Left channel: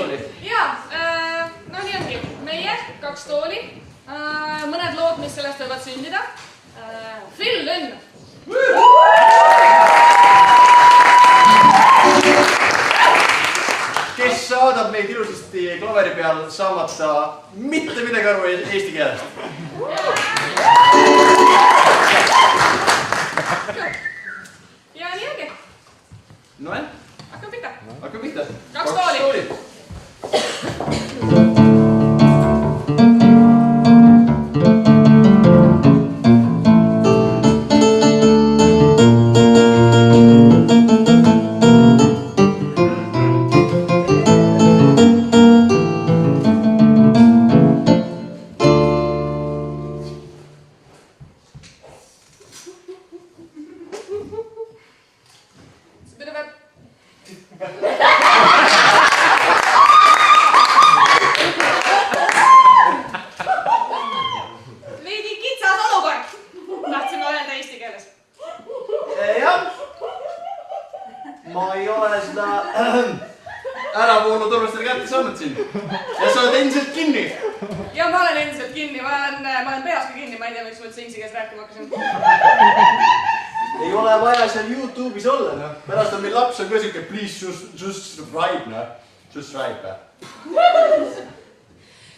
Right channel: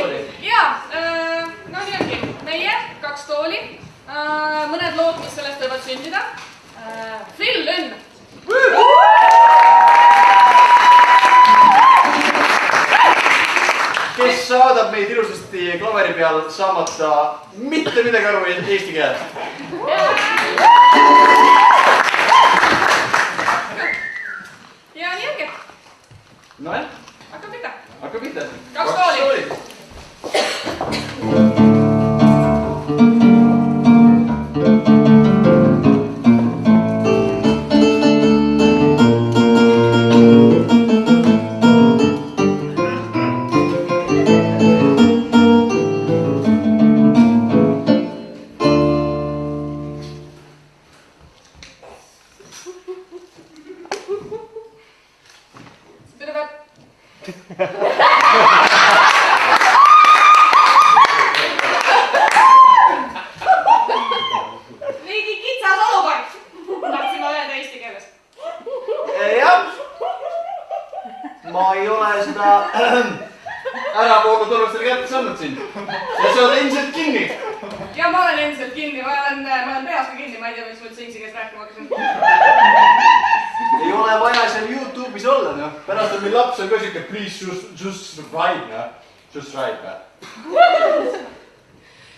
tooli. Jaa, no nii ongi. Meie 2 tooli. Mõned lood, mis sellest võivad sündida. Phil Lynn. Kes saadab meid ilusasti klaveri peal saamata mitte midagi aru eesti keelest. Ja nii ongi. Noe? Hakka pihta. Hakka pihta. 2 tooli. Veidi kitsas olukord. Tahtsin öelda eesti keeles. Jah. Ma ei ole seda äravoolu turvastele kätte saanud siin. Ja sa oled endiselt kinni. Ja ma olen endiselt kinni. Ma olen peas ka kinni. Ma ei tea, miks ma üldse inglise keeles rääkima hakkasin. Ei ole vaja seal YouTube'is olla, noh. Pärast on meil laps on ka siuke, please just subscribe, noh. Subscribe.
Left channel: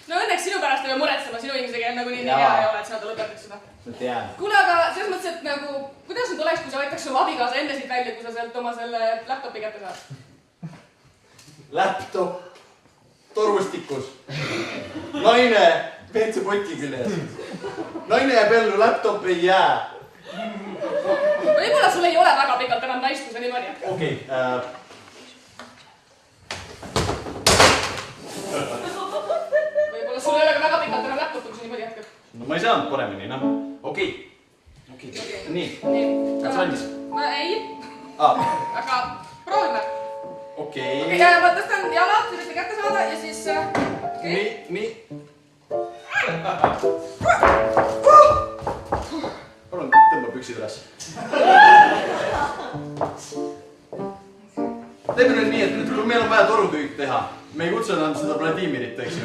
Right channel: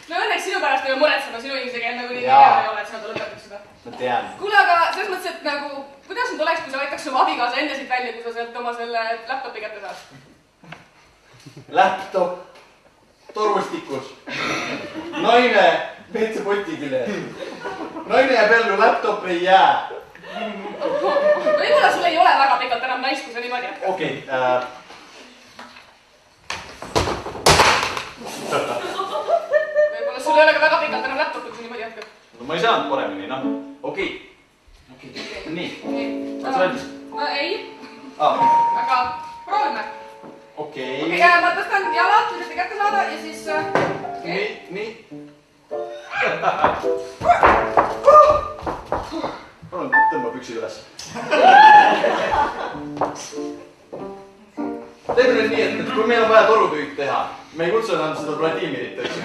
No õnneks sinu pärast ei ole muretsema, sinu inglise keel nagu nii hea ei ole, et sa tuleb lõpuks seda. Ma tean. Kuule, aga selles mõttes, et nagu, kuidas nüüd oleks, kui sa võtaks oma abikaasa enne siit välja, kui sa sealt oma selle laptopi kätte saad? Laptop torustikus. Naine WC-poti küljes. Naine jääb ellu, laptop ei jää. Võib-olla sul ei ole väga pikalt enam naist, kui sa niimoodi jätkad. Okei. Võib-olla sul ei ole ka väga pikalt enam laptopi, kui sa niimoodi jätkad. No ma ei saanud paremini, noh. Okei. Nii. Kas valmis? No ei, Aa. aga proovime. Okei. Ma tõstan jalad, üritan kätte saada ja siis... Nii. Palun tõmba püksid üles. Teeme nüüd nii, et kui meil on vaja torutöid teha, me ei kutsu enam seda Vladimirit, eks ju.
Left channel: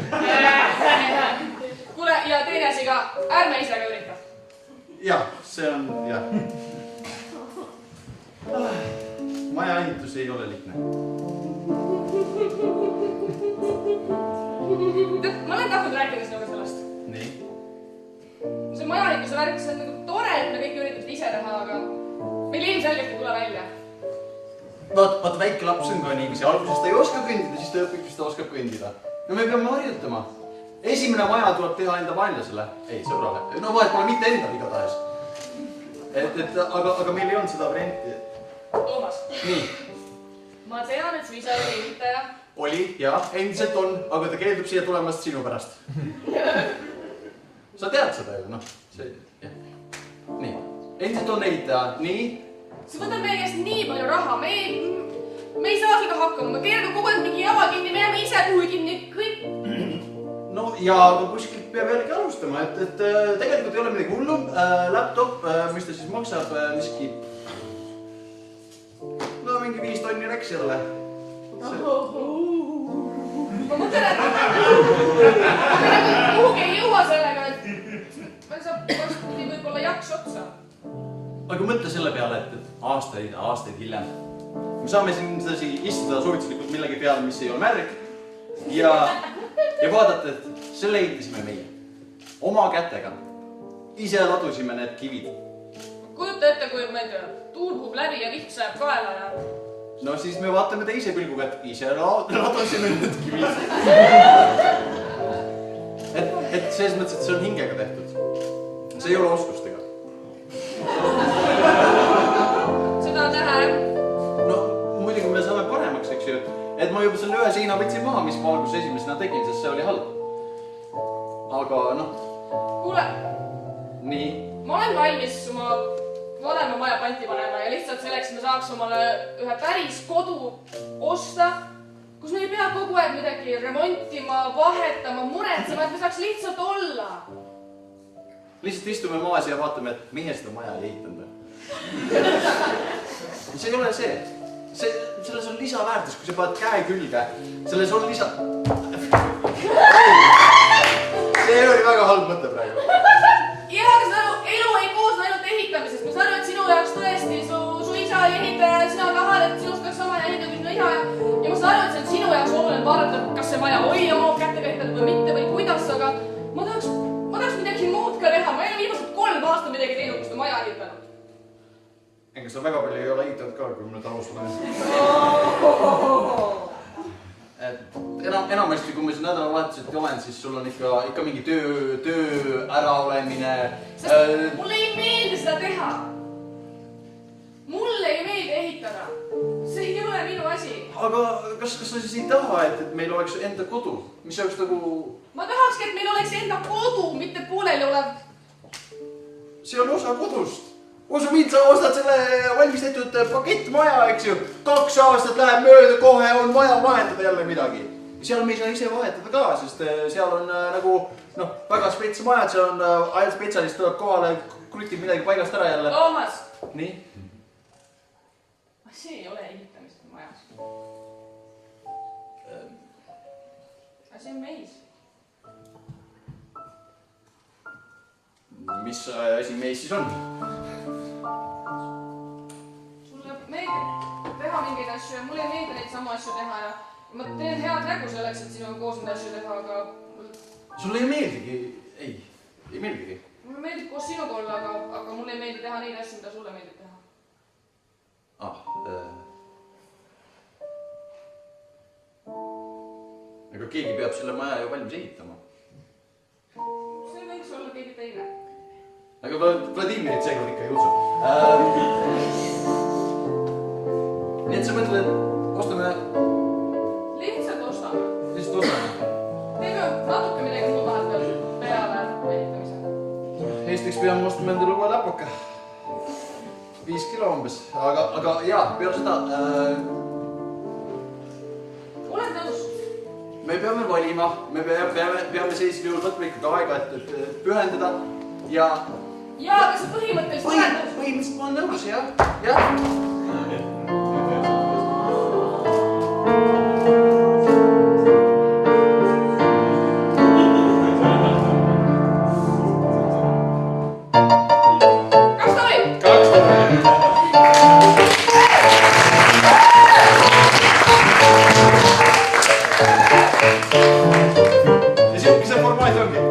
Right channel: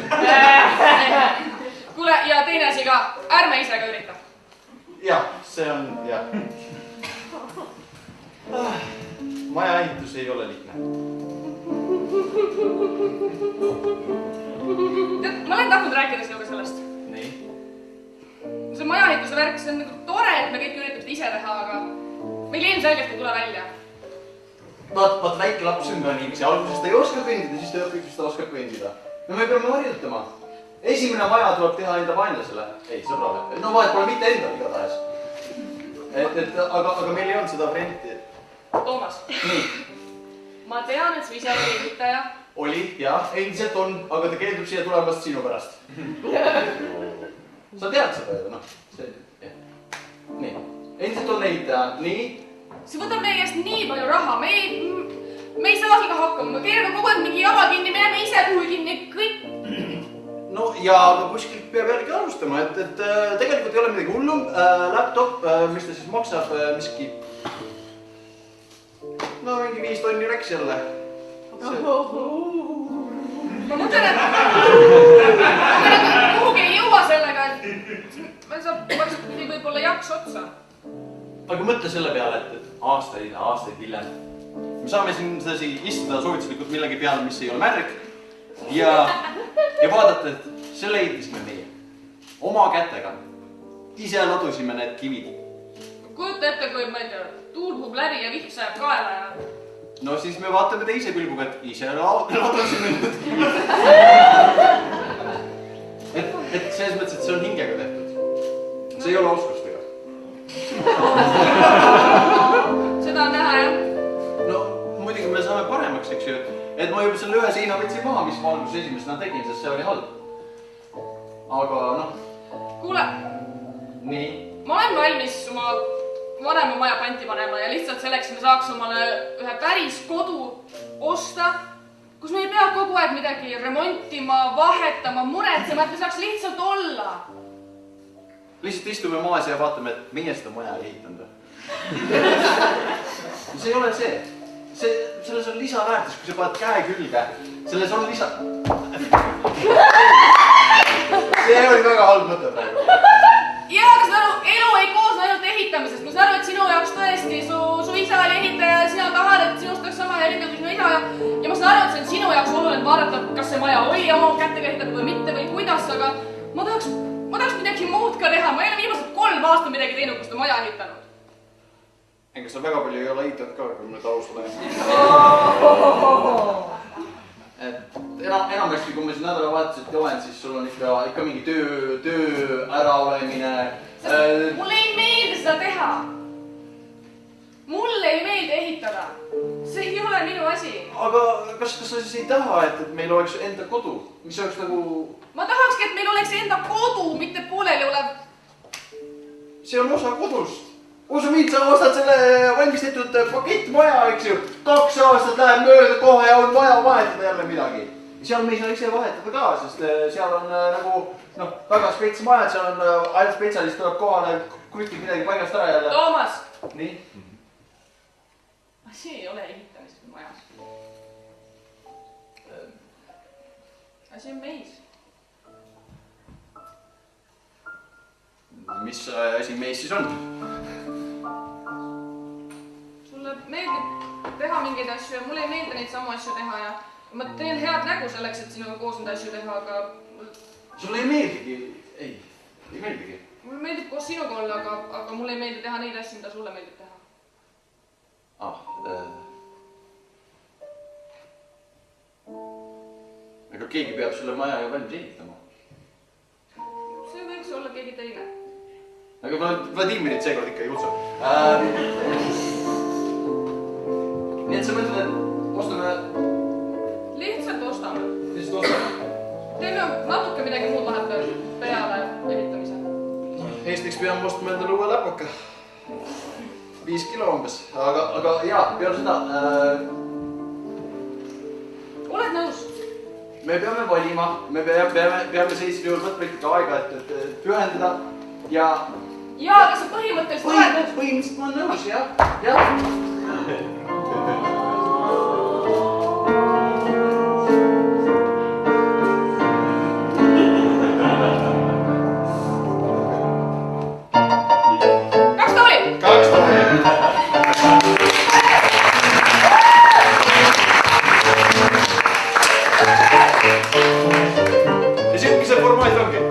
Kuule, ja teine asi ka, ärme ise ka ürita. Jah, see on, jah. Maja ehitus ei ole lihtne. Tead, ma olen tahtnud rääkida sinuga sellest. Nii. See majaehituse värk, see on nagu tore, et me kõik üritame ise teha, aga meil ilmselgelt ei tule välja. Vaat väike laps on ka niiviisi. Alguses ta ei oska kõndida, siis ta õpib, siis ta oskab kõndida. No me peame harjutama. Esimene maja tuleb teha enda vaenlasele. Ei, sõbrale. No vahet pole mitte endal igatahes. Aga meil ei olnud seda varianti. Toomas. Nii. Ma tean, et sa ise olid ehitaja. Oli, jah, endiselt on, aga ta keeldub siia tulemast sinu pärast. Sa tead seda ju, noh. Nii. Endiselt on ehitaja. Nii. See võtab meie käest nii palju raha. Me ei saa sellega hakkama. Me keerame kogu aeg mingi jama kinni, me jääme ise kuhugi kinni, kõik. No ja kuskilt peab järgi alustama, et tegelikult ei ole midagi hullu. Laptop, mis ta siis maksab, miski... No mingi 5 tonni läks jälle. Ma mõtlen, et kuhugi ei jõua sellega, et meil saab võib-olla jaks otsa. Aga mõtle selle peale, et aastaid hiljem. Me saame siin sedasi istuda soovituslikult millegi peale, mis ei ole märg. Ja vaadata, et selle ehitasime meie. Oma kätega. Ise ladusime need kivid. Kujuta ette, kui ma ei tea, tuul puhub läbi ja vihm sajab kaela ja... No siis me vaatame teise pilguga, et ise ladusime need kivid. Et selles mõttes, et see on hingega tehtud. See ei ole oskustega. Seda on näha, jah. No muidugi me saame paremaks, eks ju, et ma juba selle ühe seina võtsin maha, mis ma alguses esimesena tegin, sest see oli halb. Aga noh. Kuule. Nii. Ma olen valmis oma vanema maja panti panema ja lihtsalt selleks me saaks omale ühe päris kodu osta, kus me ei pea kogu aeg midagi remontima, vahetama, muretsema, et me saaks lihtsalt olla. Lihtsalt istume maas ja vaatame, et meie seda maja ei ehitanud. See ei ole see. selles on lisaväärtus, kui sa paned käe külge. Selles on lisa... See oli väga halb mõte praegu. Jaa, aga seda elu ei koosne ainult ehitamisest. Ma saan aru, et sinu jaoks tõesti su isa oli ehitaja ja sina tahad, et sinust oleks sama hea ehitaja kui sinu isa. Ja ma saan aru, et see on sinu jaoks oluline vaadata, kas see maja oli oma kättega ehitatud või mitte või kuidas, aga ma tahaks midagi muud ka teha. Ma ei ole viimased 3 aastat midagi teinud, kus ta maja ehitanud. Ega sa väga palju ei ole ehitanud ka, kui nüüd aus olen. Enamasti, kui ma siin nädalavahetuselt olen, siis sul on ikka mingi töö äraolemine. Mulle ei meeldi seda teha. Mulle ei meeldi ehitada. See ei ole minu asi. Aga kas sa siis ei taha, et meil oleks enda kodu? Mis oleks nagu... Ma tahakski, et meil oleks enda kodu, mitte pooleli olev. See on osa kodust. Usu mind, sa ostad selle valmis tehtud pakettmaja, eks ju. 2 aastat läheb mööda, kohe on vaja vahetada jälle midagi. Seal me ei saa ise vahetada ka, sest seal on nagu väga spetsi majad, seal on ainult spetsialist tuleb kohale, krutib midagi paigast ära jälle. Toomas! Nii? See ei ole ehitamised majas. See on meis. Mis asi meis siis on? Sulle meeldib teha mingeid asju ja mulle ei meeldi neid samu asju teha ja ma teen head nägu selleks, et sinuga koos neid asju teha, aga... Sulle ei meeldigi? Ei meeldigi. Mulle meeldib koos sinuga olla, aga mulle ei meeldi teha neid asju, mida sulle meeldib teha. Aga keegi peab sulle maja ju valmis ehitama. See võiks olla keegi teine. Aga Vladimirit seekord ikka ei utsu. Nii et sa mõtled, et ostame... Lihtsalt ostame. Lihtsalt ostame. Teeme natuke midagi muud vahepeal peale ehitamise. Eestiks peame ostma endale uue läpaka. 5 kilo umbes. Aga jaa, peale seda... Oled nõus? Me peame valima. Me peame sellisel juhul võtma ikkagi aega, et pühendada ja... Jaa, aga sa põhimõtteliselt oled nõus? Põhimõtteliselt ma olen nõus, jah. Ja siuke see formaat ongi.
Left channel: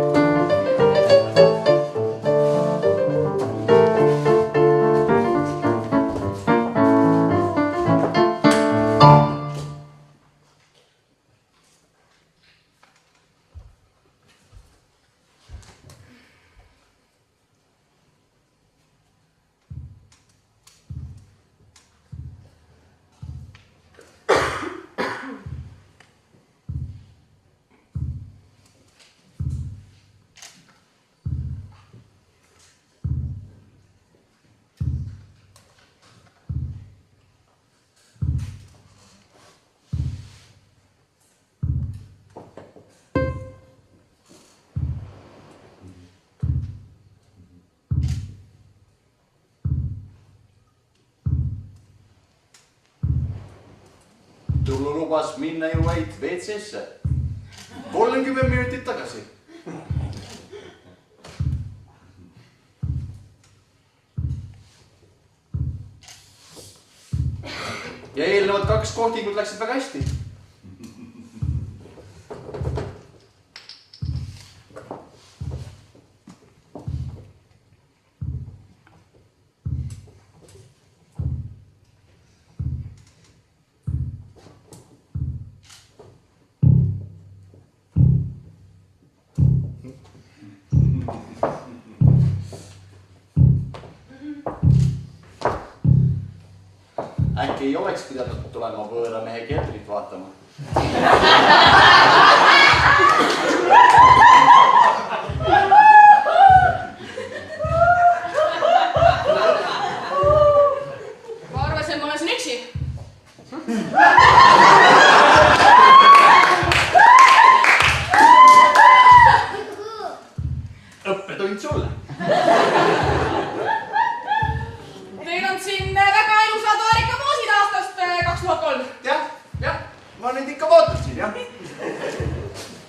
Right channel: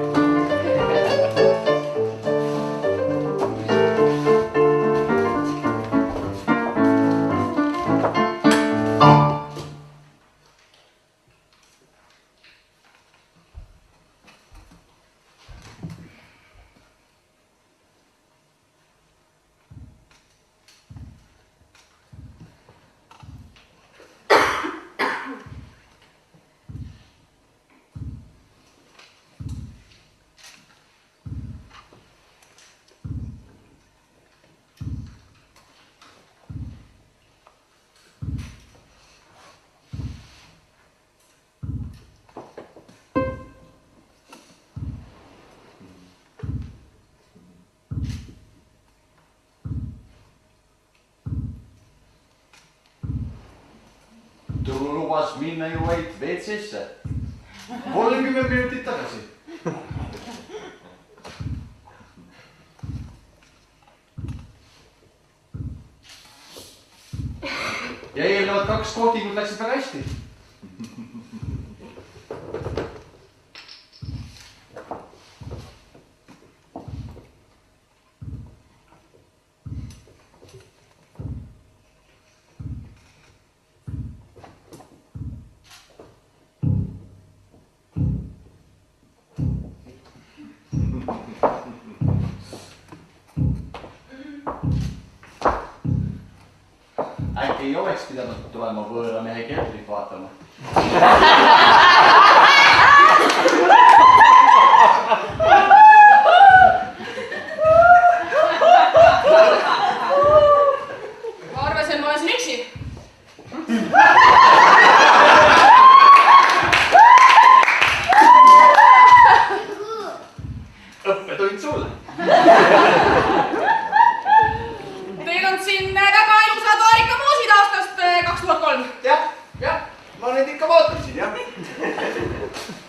Tullu lubas minna ju vaid WC-sse 30 minutit tagasi. Ja eelnevad 2 kohtingut läksid väga hästi. Äkki ei oleks pidanud tulema võõra mehe keldrit vaatama. Ma arvasin, ma olen siin üksi. Õppetund sulle. Teil on siin väga ilusad vaarikamoosid aastast 2000. neid ikka vaatasin, jah.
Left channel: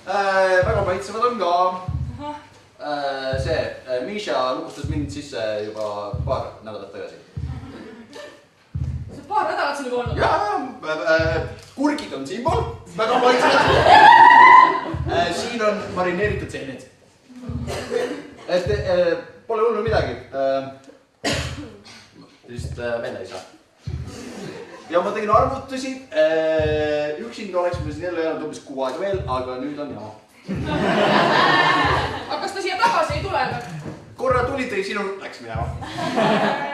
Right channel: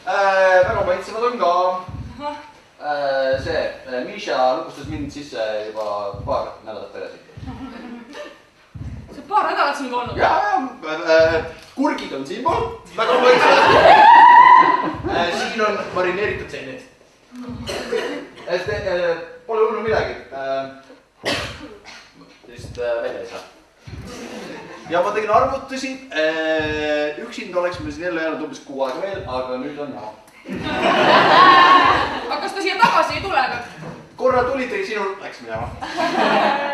Väga maitsevad on ka. See, Misha lubustas mind sisse juba paar nädalat tagasi. See paar nädalat siin juba olnud? Jaa, kurgid on siinpool, väga maitsevad. Siin on marineeritud seened. Pole hullu midagi. Lihtsalt välja ei saa. Ja ma tegin arvutusi. Üksinda oleks me siin jälle jäänud umbes 6 aega veel, aga nüüd on jama. Aga kas ta siia tagasi ei tule? Korra tuli tõi sinu, läks minema.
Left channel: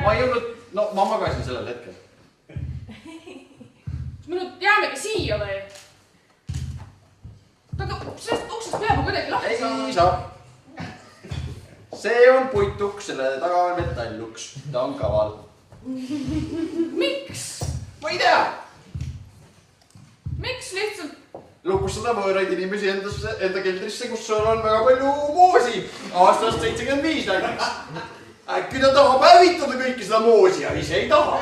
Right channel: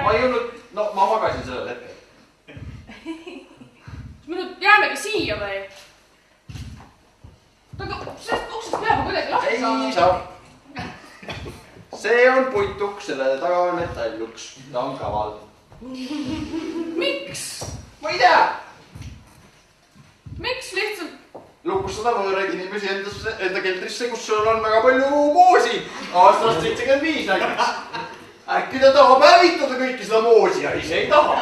Ma ei jõudnud, no ma magasin sellel hetkel. Me nüüd jäämegi siia või? Aga sellest uksest peab kuidagi lahti saama. Ei saa. See on puituks, selle taga on metalluks. Ta on kaval. Miks? Ma ei tea. Miks lihtsalt? Lukustada võõraid inimesi enda keldrisse, kus on väga palju moosi. Aastast 75 näiteks. Äkki ta tahab hävitada kõiki seda moosi ja ise ei taha.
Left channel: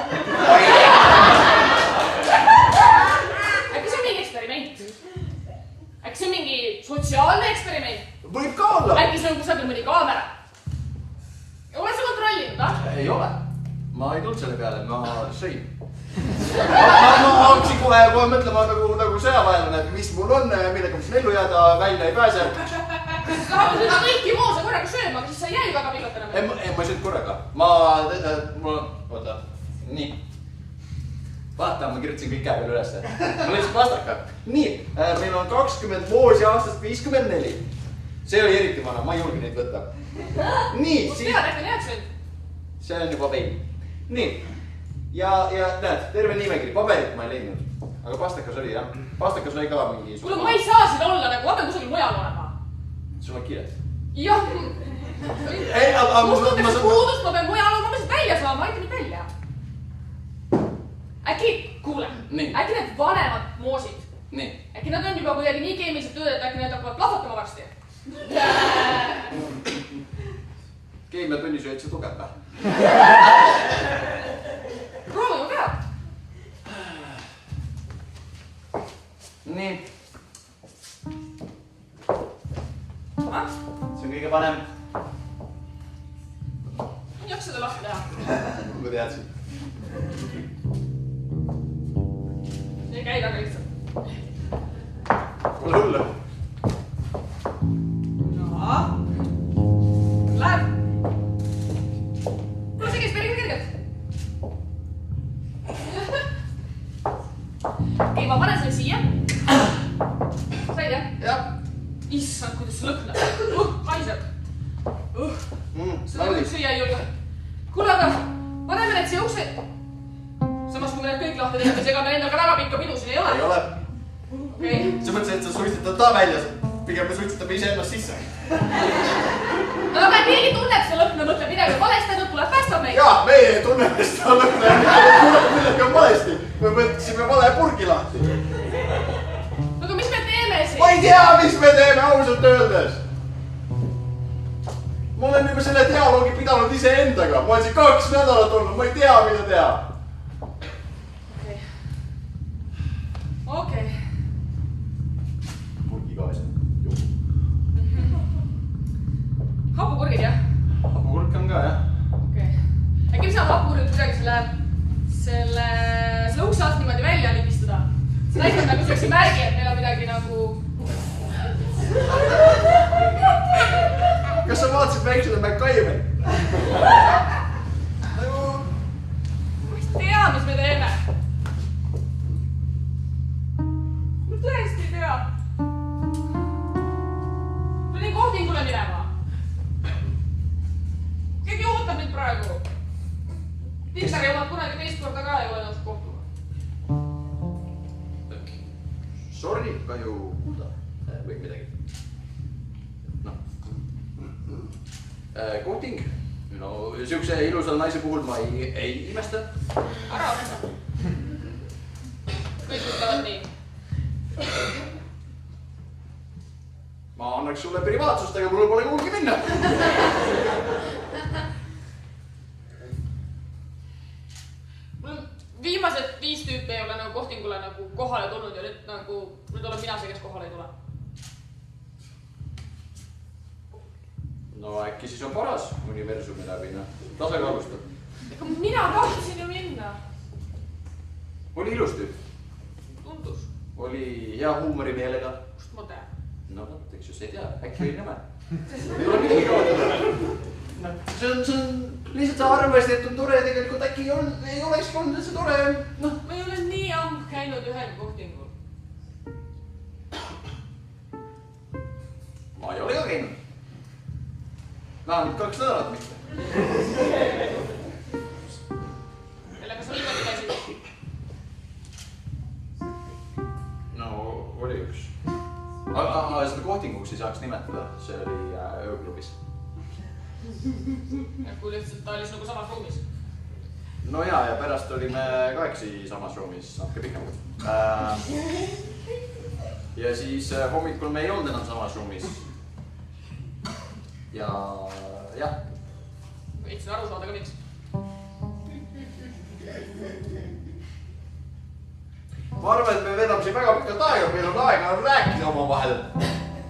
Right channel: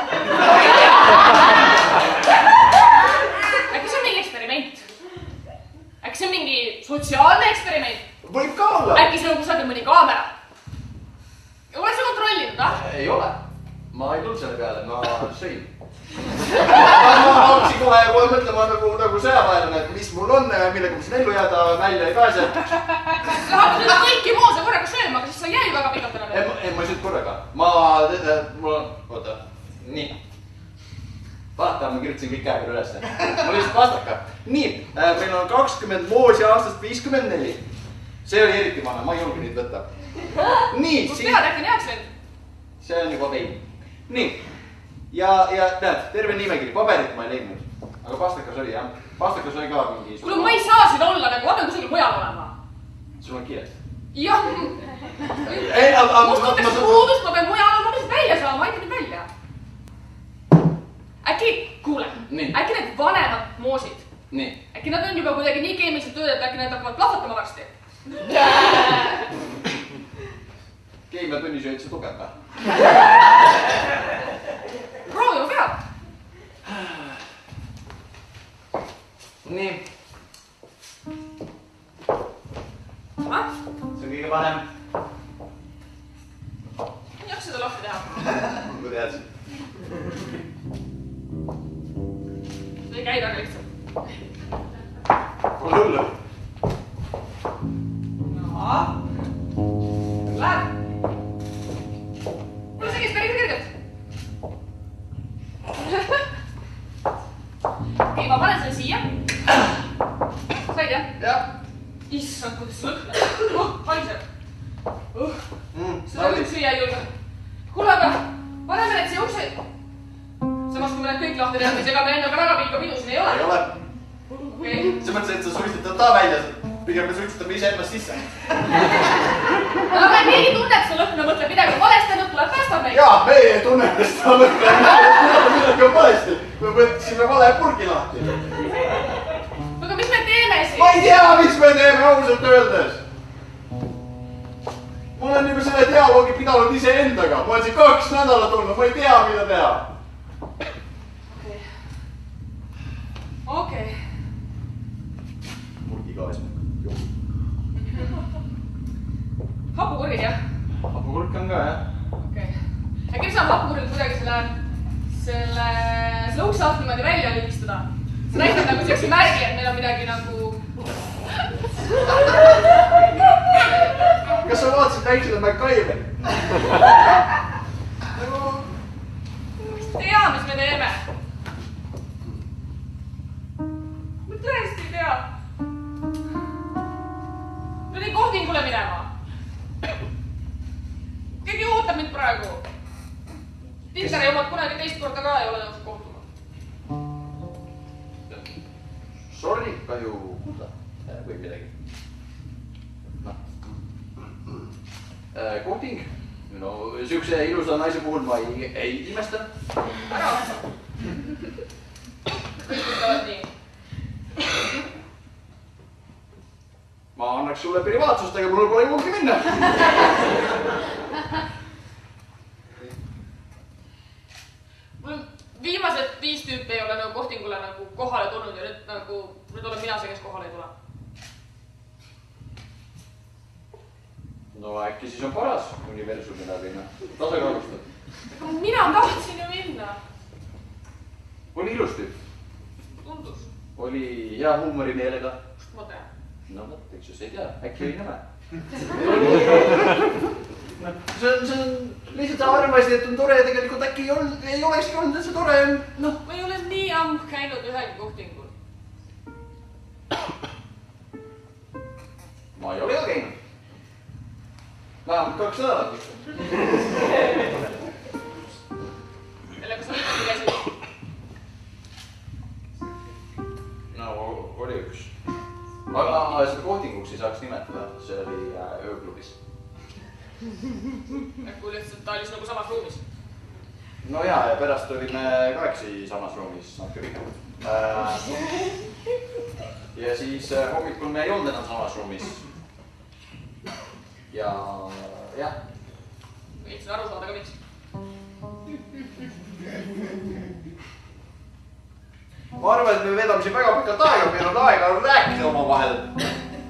Äkki see on mingi eksperiment? Äkki see on mingi sotsiaalne eksperiment? Võib ka olla. Äkki see on kusagil mõni kaamera? Ole sa kontrollinud, ah? Ei ole. Ma ei tulnud selle peale, ma sõin. Ma hakkasin kohe mõtlema nagu sõjaväelane, et mis mul on, millega ma siin ellu jääda, välja ei pääse. Sa hakkad nüüd kõiki moose korraga sööma, aga siis sa ei jää ju väga pikalt enam. Ma ei söönud korraga. Oota, nii. Vaata, ma kirjutasin kõik käega ülesse. Ma lihtsalt vastaka. Nii, meil on 20 moosi aastast 54. See oli eriti vana, ma ei julge neid võtta. Nii. Kus pead äkki jääks nüüd? See on juba vein. Nii. Ja näed, terve nimekiri, paberit ma ei leidnud. Aga pastakas oli, jah. Pastakas oli ka mingi... Kuule, ma ei saa siin olla, nagu ma pean kusagil mujal olema. Sul on kiiresti. Jah. Must tuntakse puudust, ma pean mujal olema, ma pean välja saama, aita nüüd välja. Äkki, kuule, äkki need vanemad moosid. Äkki nad on juba kuidagi nii keemiliselt tööd, et äkki need hakkavad plahvatama varsti. Keemia tunnisööd see tugev või? Proovima peab. Nii. See on kõige parem. ei jaksa seda lahti teha. Kui teadsin. See ei käi väga lihtsalt. Pole hullu. Läheb. Kuule, see käis päris kergelt. Okei, ma panen selle siia. Said jah? Jah. Issand, kuidas see lõhnab. Paiseb. Seda Saudi. nüüd süüa ei julge. Kuule, aga paneme need siia ukse. Samas, kui me need kõik lahti teeme, siis ega meil endaga väga pikka pidu siin ei ole. Ei ole. Okei. See mõttes, et sa suitsetad ta välja. Pigem me suitsetame ise ennast sisse. Aga meil keegi tunneb seda lõhna, mõtleb midagi valesti, nüüd tuleb päästab meid. Jaa, meie tunneme seda lõhna. Midagi on valesti. Me võtsime vale purgi lahti. Aga mis me teeme siis? Ma ei tea, mis me teeme ausalt öeldes. Ma olen juba selle dialoogi pidanud iseendaga. Ma olen siin 2 nädalat olnud, ma ei tea, mida teha. Okei. Purgi ka eesmärk. Hapukurgid, jah? Hapukurk on ka, jah. Okei. Äkki me saame hapukurgid kuidagi selle ukse alt niimoodi välja lügistada? See näitab nagu sellise märgi, et meil on midagi nagu... Kas sa vaatasid väiksele MacGyveri? Ma ei tea, mis me teeme. Ma tõesti ei tea. Ma olin kohtingule minema. Keegi ootab mind praegu. Tiksar ei omad kunagi teist korda ka ei ole nõus kohtuma. Sorry, kahju. Või midagi. Kohting. No, siukse ilusa naise puhul ma ei imesta. Ära otsa. Kõik ütlevad nii. Ma annaks sulle privaatsust, aga mul pole kuhugi minna. Viimased 5 tüüpi ei ole nagu kohtingule nagu kohale tulnud ja nüüd nagu No äkki siis on paras universumi läbi, noh. Tasakaalustab. Mina tahtsin ju minna. Oli ilusti. Tundus. Oli hea huumorimeelega. Kust ma tean? No vot, eks ju, sa ei tea. Äkki oli nõme. See on lihtsalt sa arvasid, et on tore ja tegelikult äkki ei olekski olnud, et see tore on. Ma ei ole nii ammu käinud ühel kohtingul. Ma ei ole ka käinud. Vähemalt 2 nädalat. Sellega sa niimoodi käisid? No, oli üks. Aga seda kohtinguks ei saaks nimetada, see oli ööklubis. Kui lihtsalt ta oli sinuga samas ruumis? No jaa, ja pärast olime 8 samas ruumis, natuke pikemalt. Ja siis hommikul me ei olnud enam samas ruumis. Ja jah. Võitsin aru saada ka miks. Ma arvan, et me vedame siin väga pikalt aega, meil on aega rääkida omavahel.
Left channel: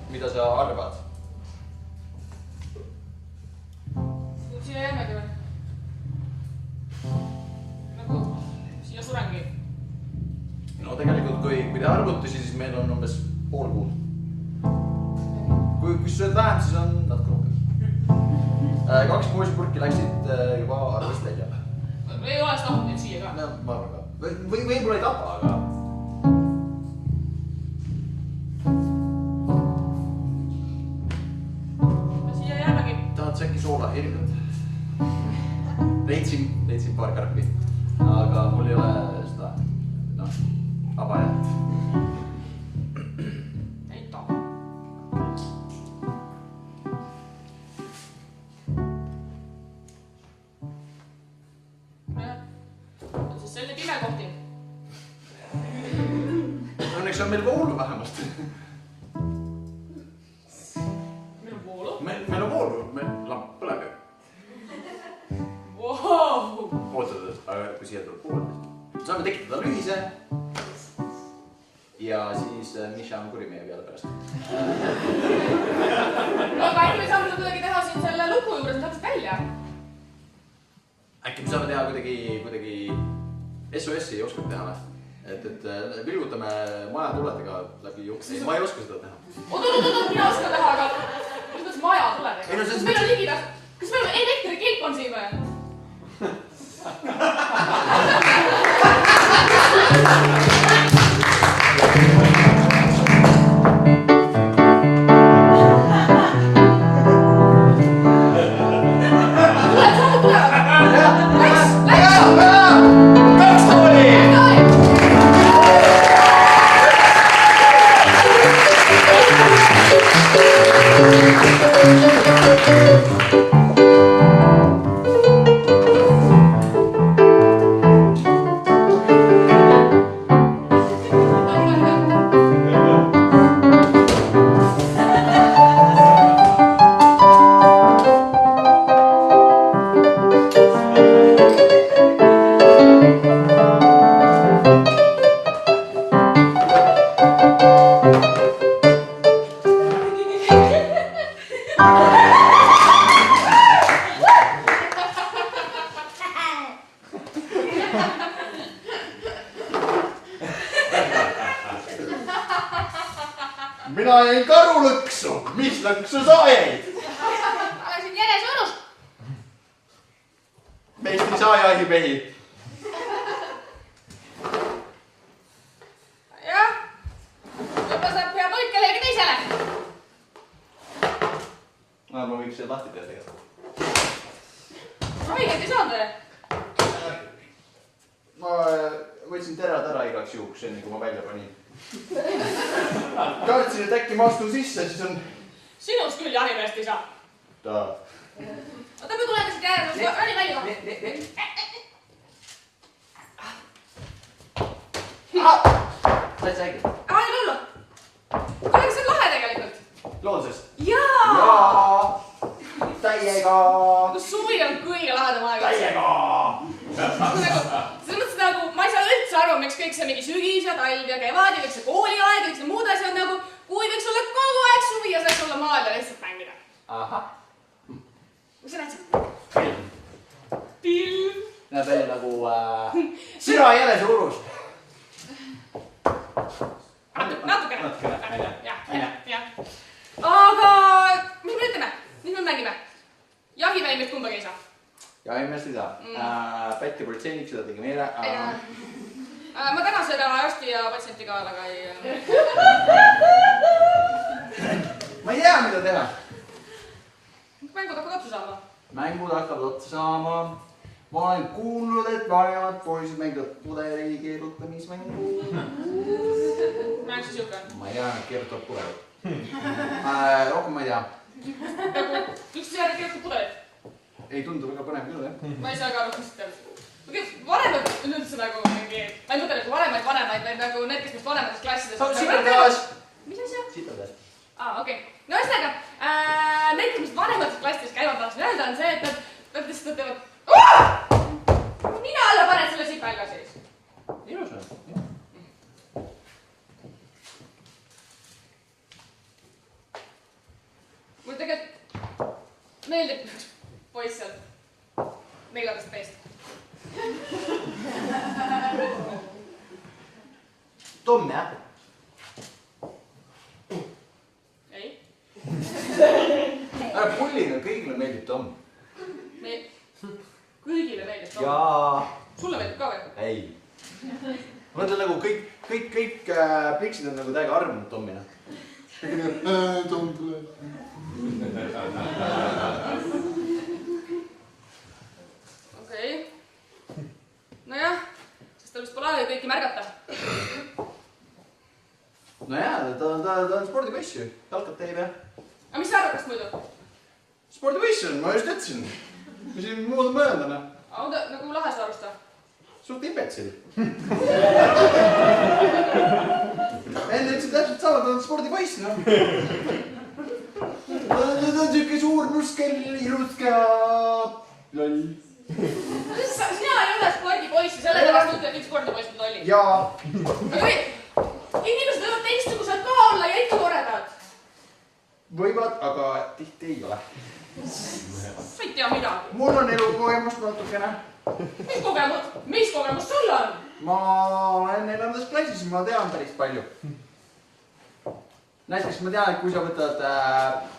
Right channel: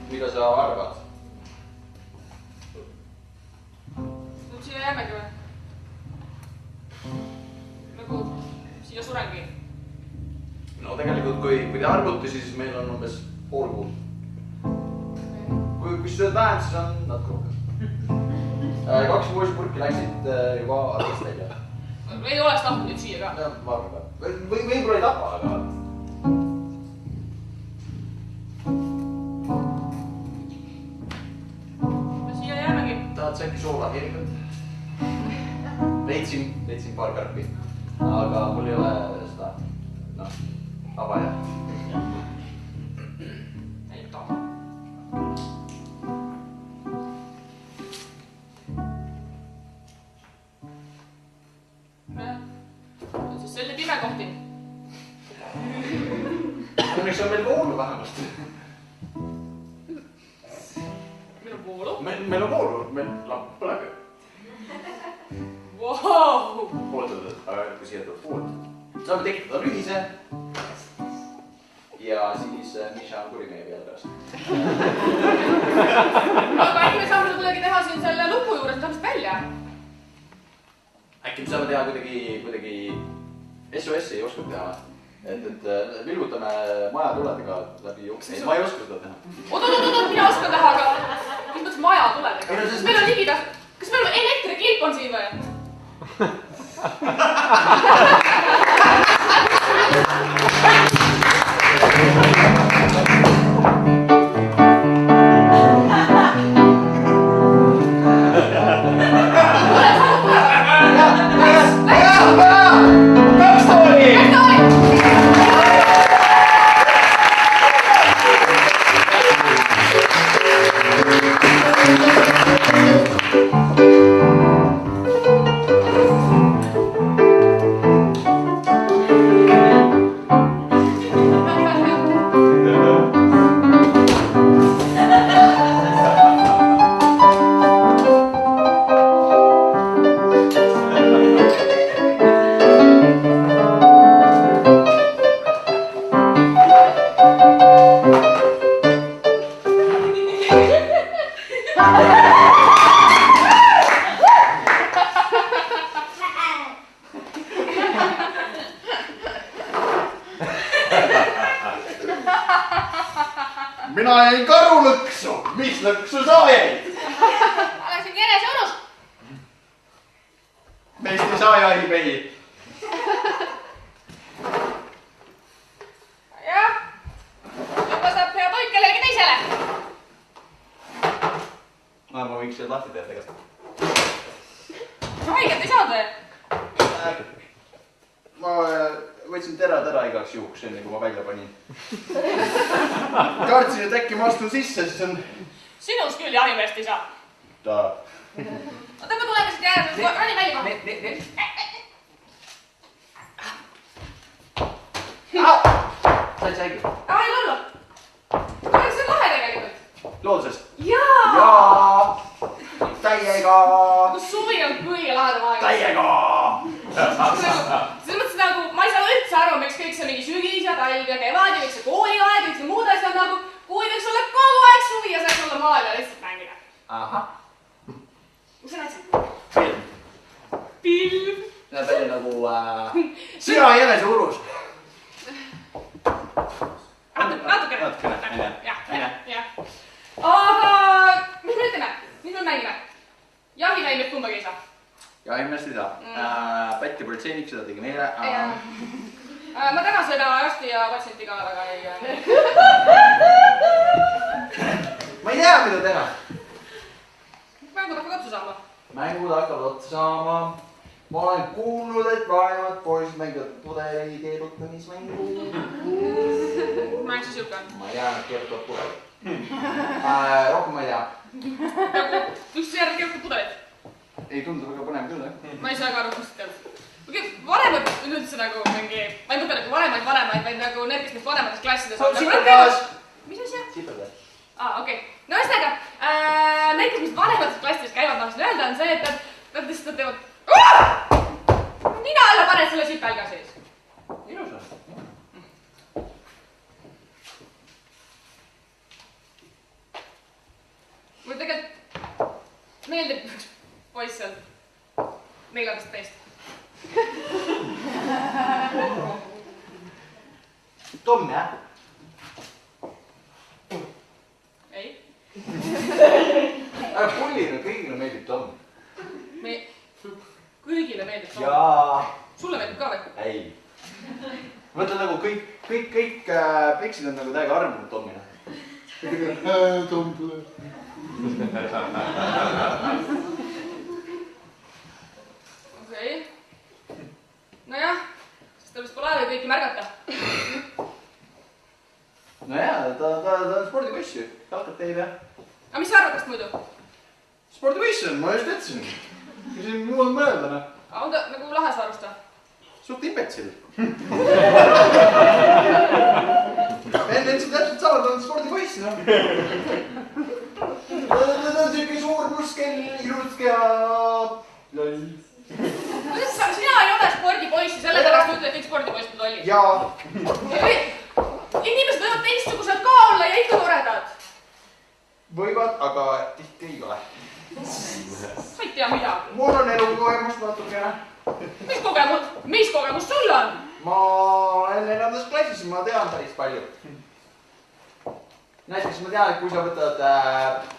Mida sa arvad? Nüüd siia jäämegi või? Nagu siia surengi? No tegelikult, kui te arvutusi, siis meil on umbes pool kuud. Kui sööd vähem, siis on natuke rohkem. 2 muusipurki läksid juba arvest välja. Ei oleks tahtnud neid siia ka. No, ma arvan ka. Võib-olla ei tapa, aga... Ja siia jäämegi. Tahad sa äkki soolaheerikat? Leidsin paar karpi. Aga mul ei ole seda, noh, abajat. Ei taha. On siis selline pime kohting. Õnneks on meil voolu vähemalt. Meil on voolu. Meil on voolu, lamp põleb ju. Wow! Pooldatud, aga kui siia tuleb poolt. Saame tekitada lühise. Ja siis Misha on kuri meie peale pärast. Aga äkki me saame kuidagi teha siin selle luku juures täpselt välja? Äkki me saame teha kuidagi SOS-i ei oska teha. Et vilgutame maja tuledega läbi jukse. Ma ei oska seda teha. Oot, mina oskan teha, aga mis mõttes maja tuledega? Meil on ligida. Kas meil on elektrikilp on siin või? Mina jäin karulõksu. Mis lõksu sa jäid? Oleksin jänes õnus. Meist ei saa jahimehi. Jah. Juba saab hea toit kellelegi teisele. Ma võiks siia lahti teha tegelikult. Haiget ei saanud või? Ma võtsin terad ära igaks juhuks, enne kui ma välja panin. Kartsin, et äkki ma astun sisse, siis on... Sinust küll jahimeest ei saa. Ta... Oota, me tuleme siit jääme, rani välja kohe. Said sa äkki? Ai, lollo. Kuule, see on lahe tegelikult. Loodusest? Jaa! Jaa! Täiega! Suvi on kõige lahedam aeg. Täiega! Selles mõttes nagu, ma ei saa üldse aru, miks kõik see mingi sügis ja talv ja kevad ja miks see kooliaeg ja kõik see muud asjad nagu, kui võiks olla kogu aeg suvi ja saaks olla maal ja lihtsalt mängida. Ahah. politseiniks, seda tegi meile. Ma täna seda arsti ja patsienti ka väga ei... Ma ei tea, mida teha. Mängud hakkavad otsa saama. Mängud hakkavad otsa saama. Ma olen kuulnud, et vanemad poisid mängivad pudeli keerutamismängu. Mäng siis siuke on. Ma ei tea, nad keerutavad pudeli. Rohkem ma ei tea. Üks järg keerutab pudelit. Ei tundu väga põnev küll, jah? Ma ei saa ka aru, kust keerutab. Vanemad üldse nagu mingi... Ma ei mõtle nagu vanemaid, vaid nagu need, kes meist vanemates klassides on. Sipergaas! Mis asja? Sipergaas. Okei. No ühesõnaga, need, kes meist vanemates klassides käivad, ma tahtsin öelda, on see, et nad lihtsalt teevad... Nina alla paned selle sipelga sees. Ilus on. Mul tegelikult meeldib poiss seal 14 meest. Tom, jah? Ei. Pullile kõigile meeldib Tom. Kõigile meeldib Tom. Jaa. Sulle meeldib ka või? Ei. Mõtle nagu kõik pliksid on nagu täiega armunud Tomina. Tom tule. Okei. Nojah, sest tal vist pole aega kõiki märgata. Nojah, ta on spordipoiss ju. Jalkab teile. Aga mis sa arvad tast muidu? Spordipoiss on, ma just ütlesin. Mis siin muud on mõelda, noh? On ta nagu lahe saarusta? Suht impetsil. Enne ütlesin täpselt sama, ta on spordipoiss, noh. Ta on siuke suur muskel, ilus kea. Loll. Sina ei ole spordipoiss ja sellepärast ütled kõik spordipoisid lollid. Jaa. Inimesed võivad teistsugused ka olla ja ikka toredad. Võivad, aga tihti ei ole. Sa ei tea midagi. Mul on elukogemust natukene. Mis kogemus sul on? Ma olen 4. klassis, ma tean päris palju. Näiteks ma tean, et kui sa võtad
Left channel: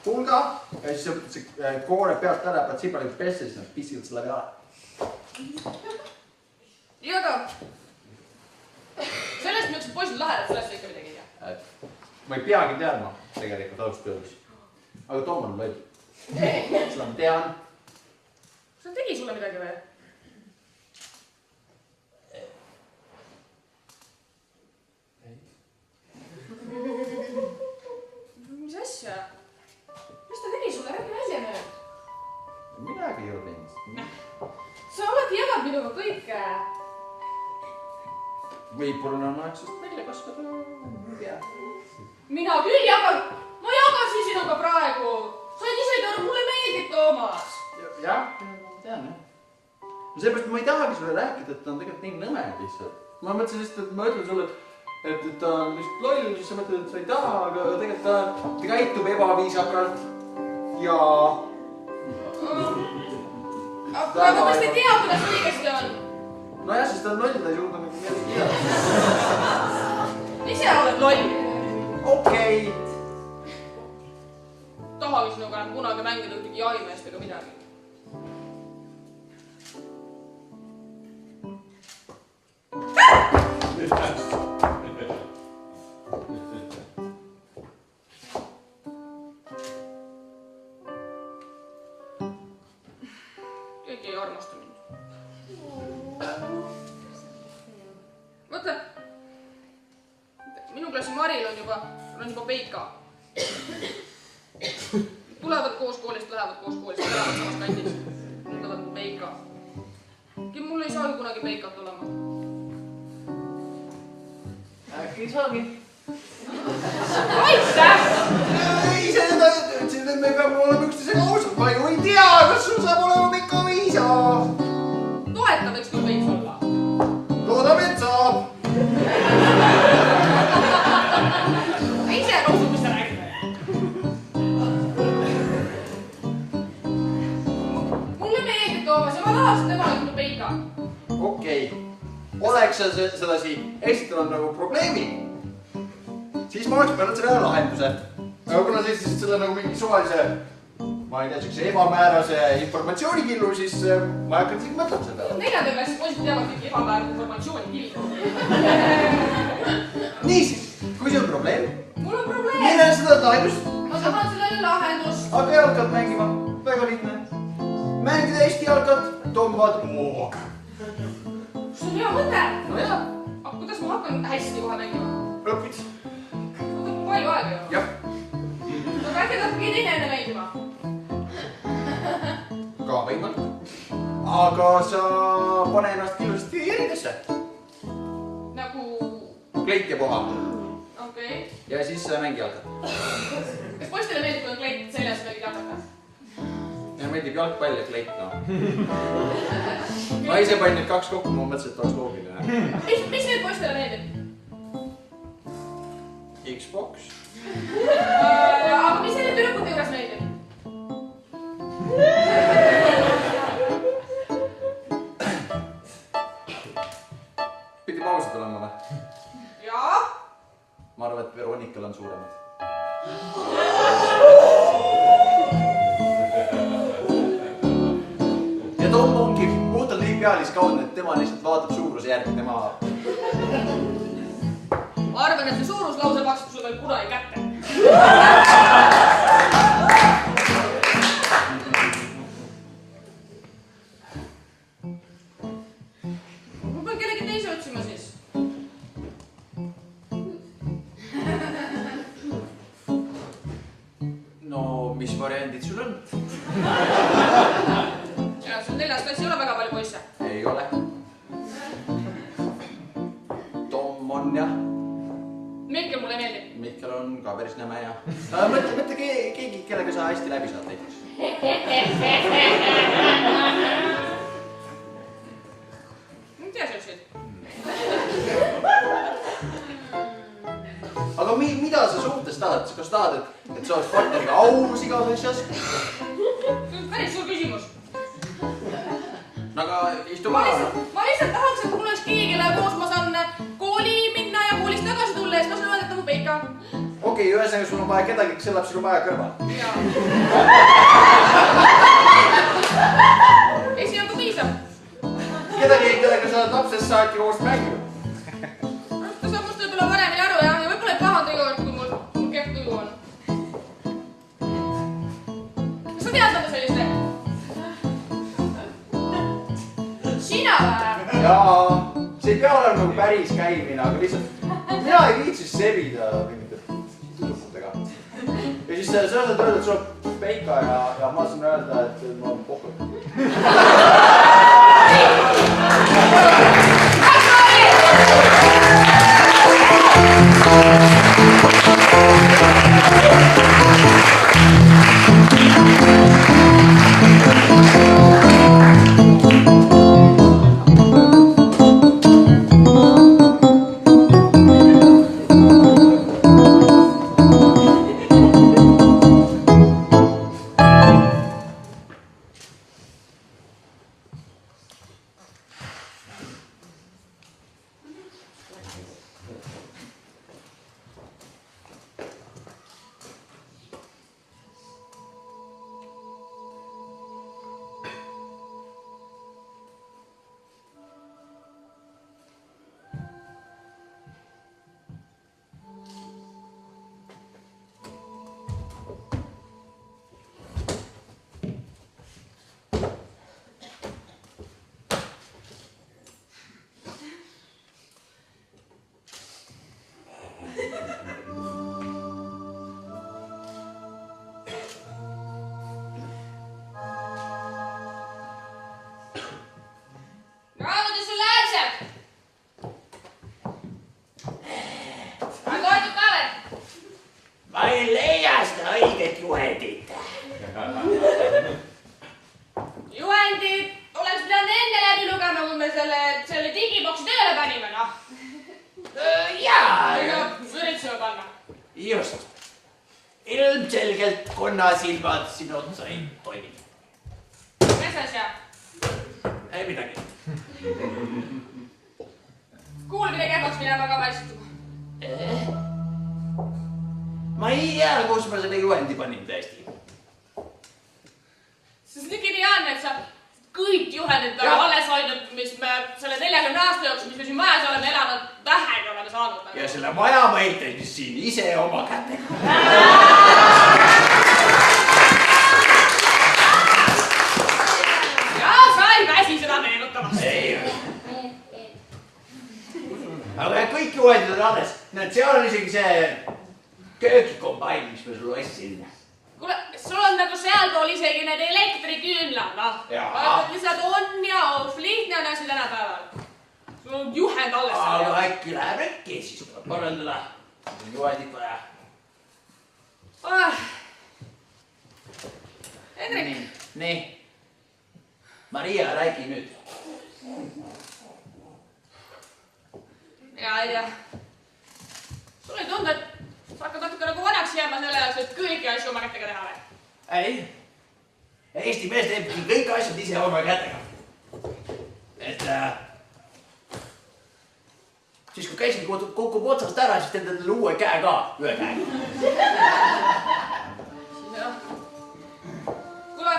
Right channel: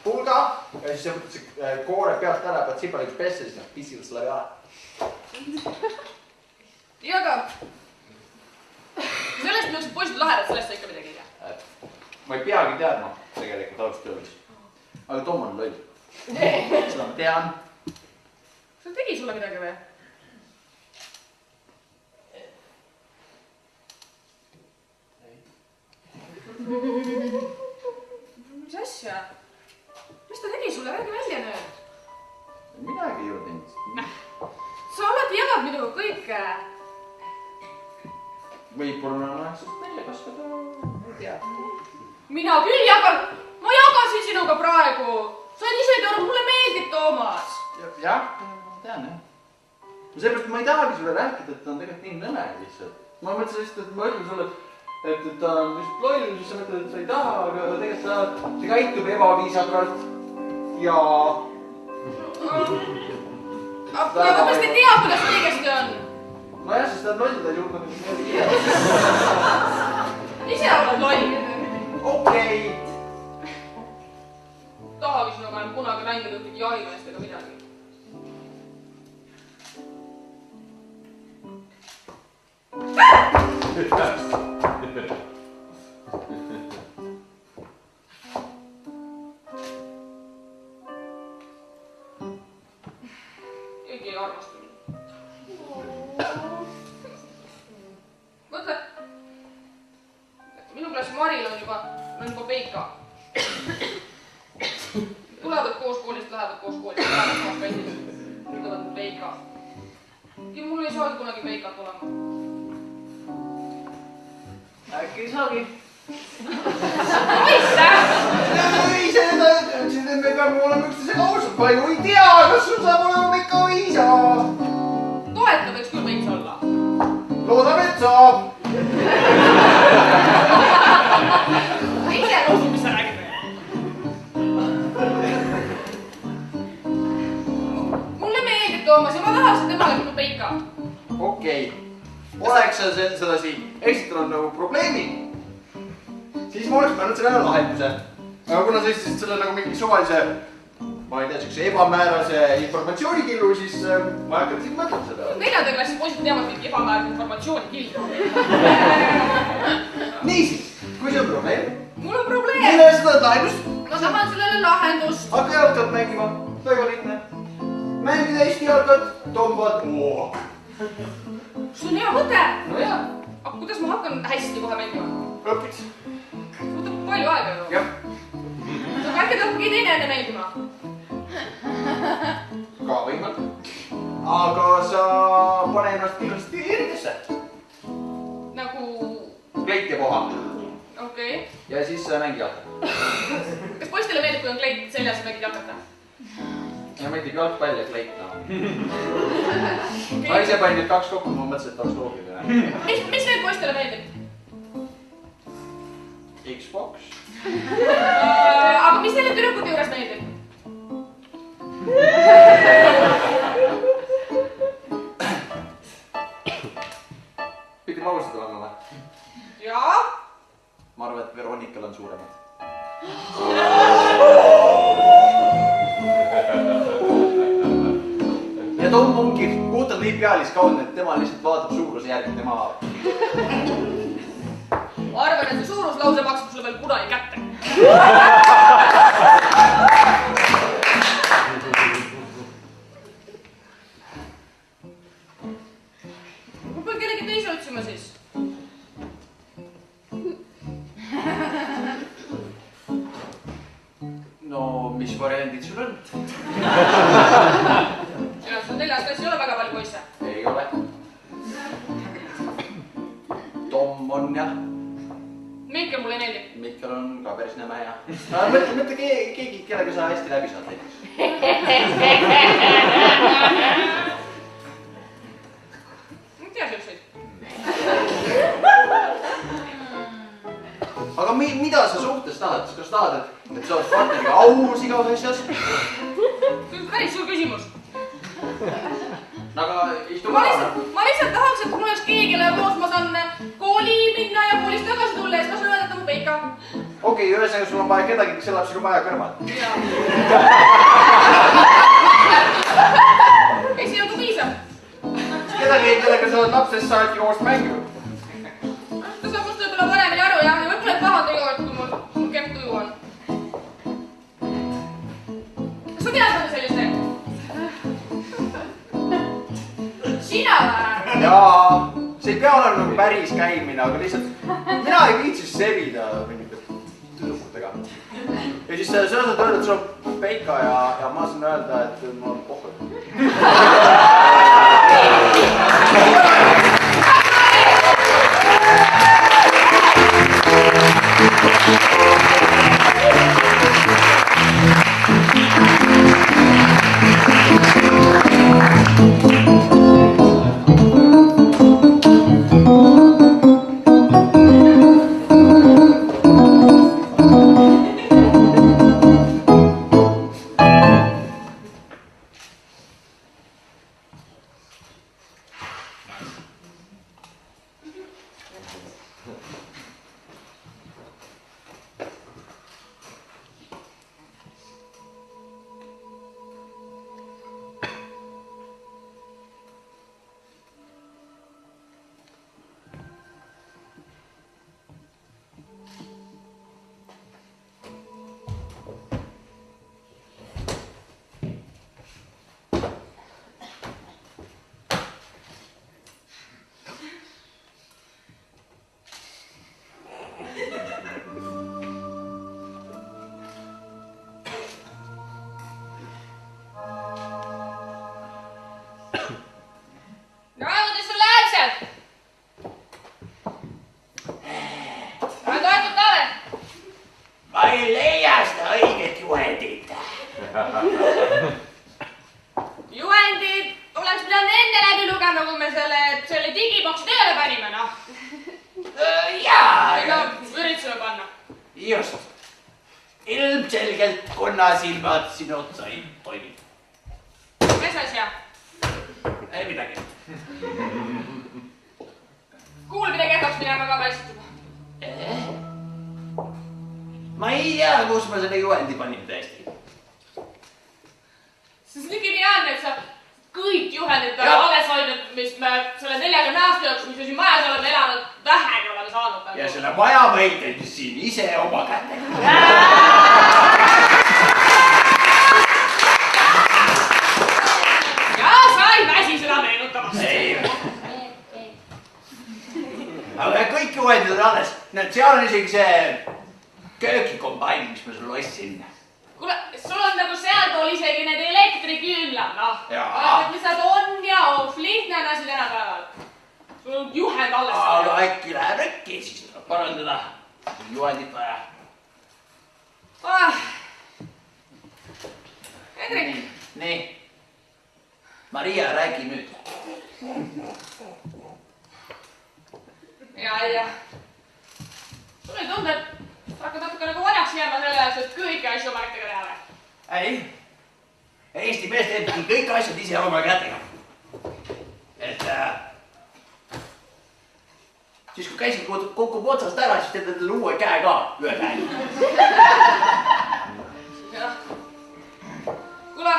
pulga ja siis sa võtad see koore pealt ära, pead sipaliks pesse, siis nad pissivad selle peale. Ja aga sellest, millised poisid lahedad, sellest sa ikka midagi ei tea. Ma ei peagi teadma tegelikult ausalt öeldes. Aga Tom on loll. Seda ma tean. Kas ta tegi sulle midagi või? Mis asja? Mis ta tegi sulle? Räägi välja nüüd. Midagi ei ole teinud. Sa alati jagad minuga kõike. Võib-olla on aeg sest välja kasvada. Ei tea. Mina küll jagan. Ma jagasin sinuga praegu. Sa oled ise aru, mulle meeldib Toomas. Jah, tean jah. Seepärast ma ei tahagi sulle rääkida, et ta on tegelikult nii nõme lihtsalt. Ma mõtlesin lihtsalt, et ma ütlen sulle, et ta on lihtsalt loll, siis sa mõtled, et sa ei taha, aga tegelikult ta käitub ebaviisakalt ja... Aga kas te tea, kuidas õigesti on? Nojah, sest ta on loll, ta ei suuda midagi teha. Ise oled loll. Okei. Tahavi sinuga enam kunagi mängida ühtegi jahimeest ega midagi. Keegi ei armasta mind. Mõtle, minu klassi Maril on juba peika. Tulevad koos koolist, lähevad koos koolist, lähevad samas kandis. Nüüd on peika. Mul ei saagi kunagi peikat olema. Äkki ei saagi. Aitäh! Ei, see nüüd ütlesid, et me peame olema üksteisega ausad. Ma ju ei tea, kas sul saab olema ikka viisa. Toeta võiks küll veits olla. Loodame, et saab. Ma ise ka usun, mis sa räägid. Mulle meeldib Toomas ja ma tahaks, et tema oleks peika. Okei. Oleks sa sedasi esitanud nagu probleemi, siis ma oleks pannud selle ära lahenduse. Aga kuna sa esitasid selle nagu mingi suvalise ma ei tea, siukse ebamäärase informatsioonikillu, siis ma hakkan siin mõtlema selle peale. 4. klassi poisid teavad kõik ebamäärase informatsiooni killu. Niisiis, kui see on probleem. Mul on probleem. Mille seda lahendust? Ma tahan sellele lahendust. Hakka jalgad mängima. Väga lihtne. Mängida Eesti jalgad, tõmbad moa. See on hea mõte. No jaa. Aga kuidas ma hakkan hästi kohe mängima? Õpiks. Võtab palju aega ju. Jah. Aga äkki tahab keegi teine enne mängima? Ka võimalik. Aga sa pane ennast kindlasti järgesse. Nagu... Kleit ja poha. Okei. Ja siis mängi jalgad. Kas poistele meeldib, kui on kleit seljas ja mängid jalgata? Ja meeldib jalgpall ja kleit, no. Ma ise panin nüüd 2 kokku, ma mõtlesin, et tahaks loogida. Mis veel poistele meeldib? Xbox. Aga mis neile tüdrukute juures meeldib? Pidime ausad olema või? Jaa. Ma arvan, et Veronikal on suuremad. Ja Tom ongi puhtalt nii pealiskaudne, et tema lihtsalt vaatab suuruse järgi, tema... Ma arvan, et see suuruslause maksab sulle veel kunagi kätte. Ma pean kellegi teise otsima siis. No, mis variandid sul on? Ja, sul 4. klassis ei ole väga palju poisse. Ei ole. Tom on jah. Mihkel mulle ei meeldi. Mihkel on ka päris nõme ja. Mõtle keegi, kellega sa hästi läbi saad näiteks. Ma ei tea siukseid. Aga mida sa suhtes tahad? Kas tahad, et sa oled partneriga aus igavesjas? Päris suur küsimus. Aga istu Ma maha. lihtsalt tahaks, et mul oleks keegi, kelle koos ma saan kooli minna ja koolist tagasi tulla ja siis ma saan öelda, et mu peika. Okei, ühesõnaga sul on vaja kedagi, kes elab sinu maja kõrval. Ei, siin on ka piisav. Kedagi, kellega sa oled lapsest saati koos mänginud. Ta saab must võib-olla paremini aru ja võib-olla paha tegelikult, kui mul kehv tuju on. Kas sa tead mõnda sellist teed? Sina või? Jaa, see ei pea olema nagu päris käimine, aga lihtsalt mina ei viitsi sebida mingite tüdrukutega. Ja siis sa saad öelda, et sul on peika ja ma saan öelda, et mul on pohhu. Juhendid oleks pidanud enne läbi lugema, kui me selle digiboksi tööle panime, noh. Jaa, Ega üritasime panna. just. Ilmselgelt konnasilmad sinu otsa ei toimi. Mis asja? Ei midagi. Kuulmine kehvaks minema ka paistab. Ma ei tea, kus ma selle juhendi panin tõesti. see on nii geniaalne, et sa kõik juhendid alles hoidnud, mis me selle 40 aasta jooksul, mis me siin majas oleme elanud, vähegi oleme saanud. Ja selle maja ma ehitasin siin ise oma kätega. Ja sa ei väsi seda meenutamast. Ei. Aga kõik juhendid on alles. Näed, seal on isegi see köögikombain, mis ma sulle ostsin. Kuule, sul on nagu sealpool isegi need elektriküünlad, noh. Jaa. Lihtsalt on ja off, lihtne on asi tänapäeval. Sul on juhend alles. Aga äkki läheb äkki, siis parandada. Juhendit vaja. Hendrik. Nii. Maria, räägi nüüd. Ja. Sul ei tundu, et sa hakkad natuke nagu vanaks jääma selle jaoks, et kõiki asju oma kätega teha või? Ei. Eesti mees teebki kõik asjad ise oma kätega. Et siis kui käisin kukub otsast ära, siis teed endale uue käe ka, ühe käe. Jah. Kuule,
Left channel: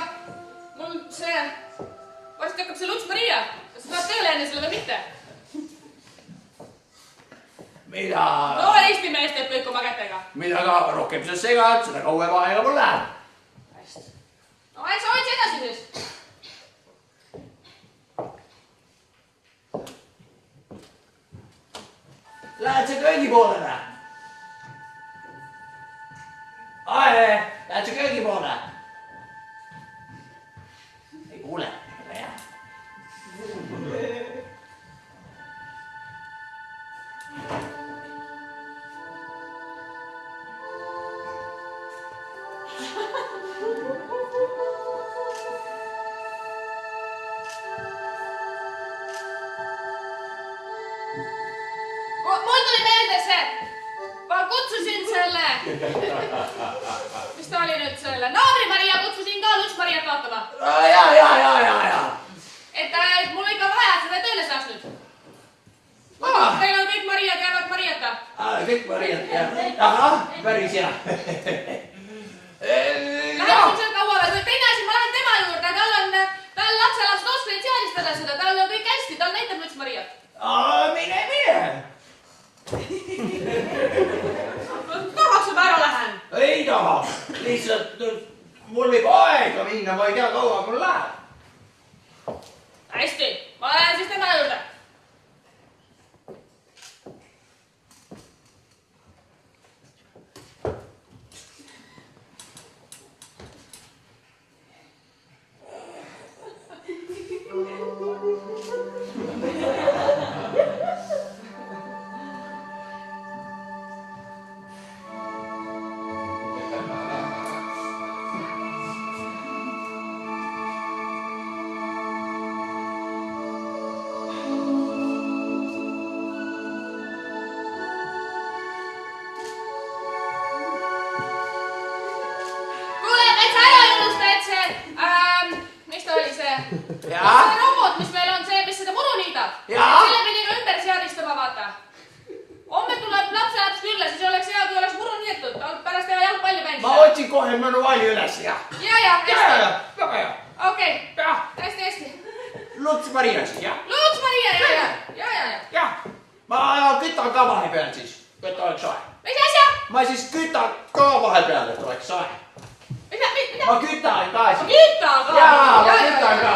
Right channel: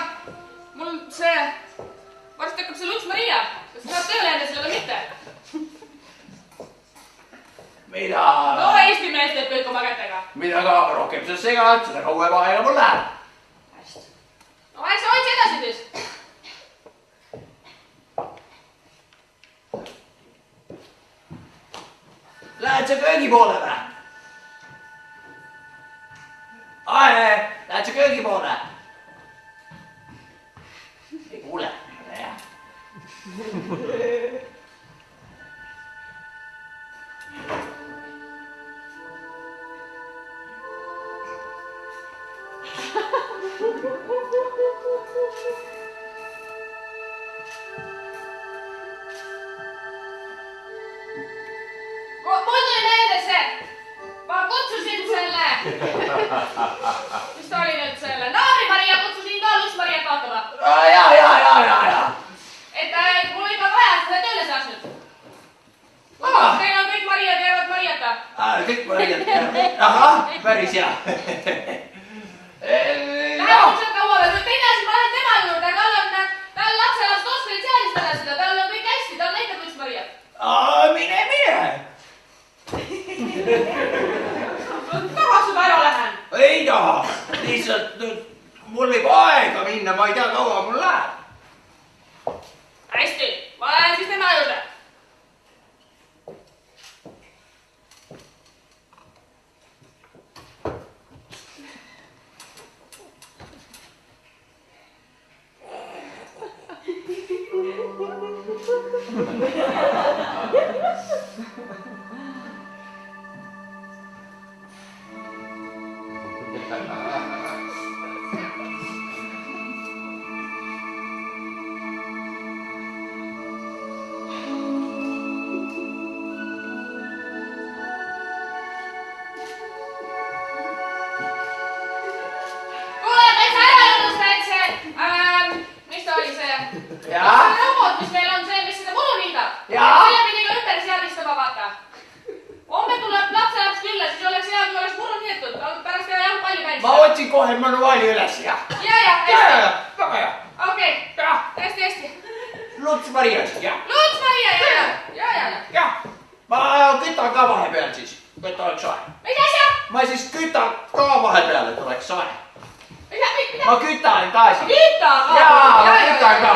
mul see... Varsti hakkab see Luts Maria. Kas sa tahad tööle jääda selle või mitte? Mida... No Eesti mees teeb kõik oma kätega. Mida ka rohkem sa segad, seda kauem aega mul läheb. Hästi. No eks sa hoidsi edasi siis. Lähed sa köögi poole või? Ae, lähed sa köögi poole? Ei kuule, jah. Mul tuli meelde see. Ma kutsusin selle. Mis ta oli nüüd selle? Naabri Maria kutsusin ka Luts Mariat vaatama. Ja. Et mul ikka vaja, et sa tööle saaks nüüd. Teil on kõik Maria käivad Mariata. Kõik Mariat. Ahah, päris hea. Läheb nüüd sealt kaua veel. Teine asi, ma lähen tema juurde. Tal lapselast oskleid seadistada seda. Tal on kõik hästi. Tal näitab Luts Mariat. Mine. Tahaks juba ära lähen. Ei taha. Lihtsalt mul võib aega minna, ma ei tea, kaua mul läheb. Hästi, ma lähen siis tema juurde. Kohe manuaali üles ja. Ja, hästi. Väga hea. Okei, hästi. Luts Mariast, jah. Luts Maria, ja. Jah, ma kütan ka vahepeal siis, et oleks soe. Mis asja? Ma siis kütan ka vahepeal, et oleks soe. Mida? Ma kütan ka siis. Küta ka? Jaa, ma kütan ka.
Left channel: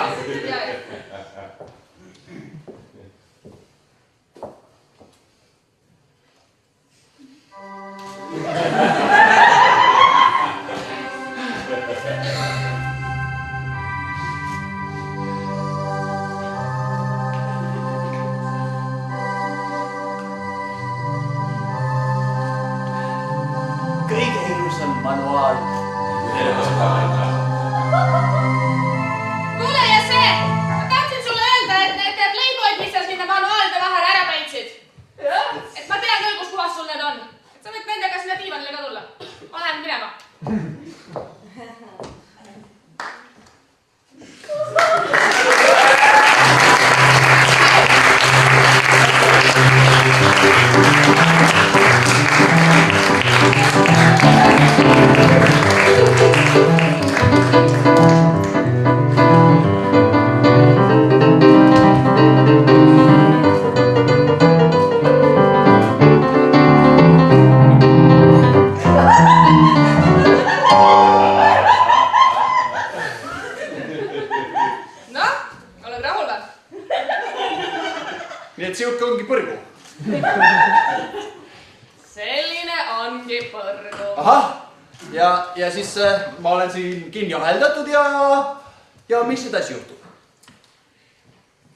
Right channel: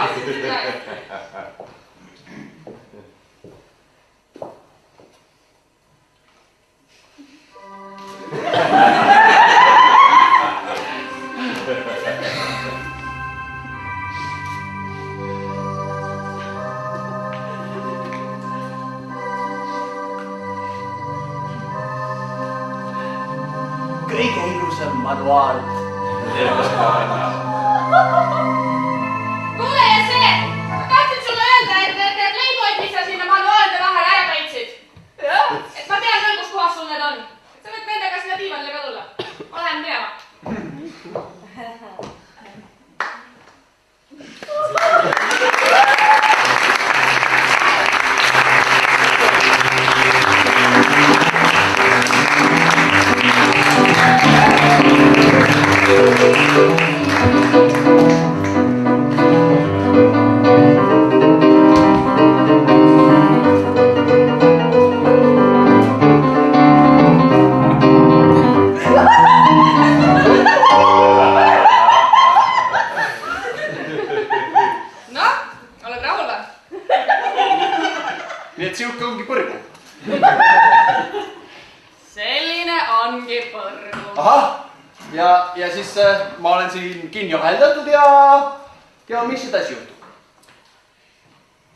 Kõige ilusam manuaal. Kuule ja see, ma tahtsin sulle öelda, et need Playboyd, mis sa sinna manuaalide vahele ära peitsid. Et ma tean küll, kus kohas sul need on. Et sa võid nendega sinna diivanile ka tulla. Ma lähen minema. ja siis ma olen siin kinni aheldatud ja mis edasi juhtub?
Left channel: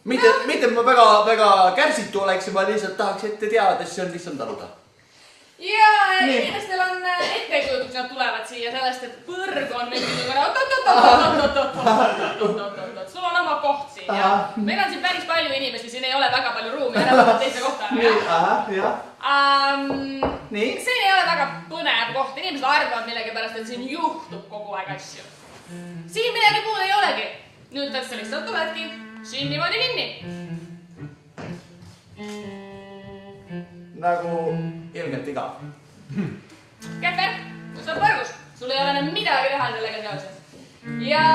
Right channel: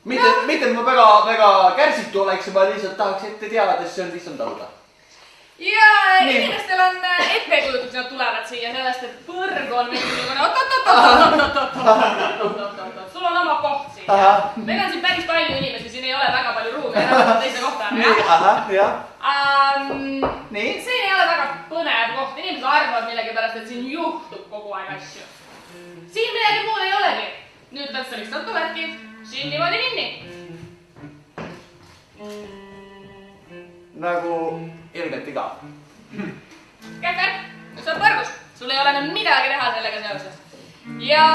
Mitte et ma väga kärsitu oleks, ma lihtsalt tahaks ette teada, et see on lihtsalt taluda. Ja inimestel on ettekujutus, nad tulevad siia sellest, et põrg on mingisugune sul on oma koht siin ja meil on siin päris palju inimesi, siin ei ole väga palju ruumi, ära võtta teise kohta. Nii? Siin ei ole väga põnev koht, inimesed arvavad millegipärast, et siin juhtub kogu aeg asju. Siin midagi muud ei olegi. Nüüd sa lihtsalt tuledki siin niimoodi kinni. Nagu ilmselt igav. Kähver, nüüd sa oled põrgus. Sul ei ole nüüd midagi teha sellega seoses. Ja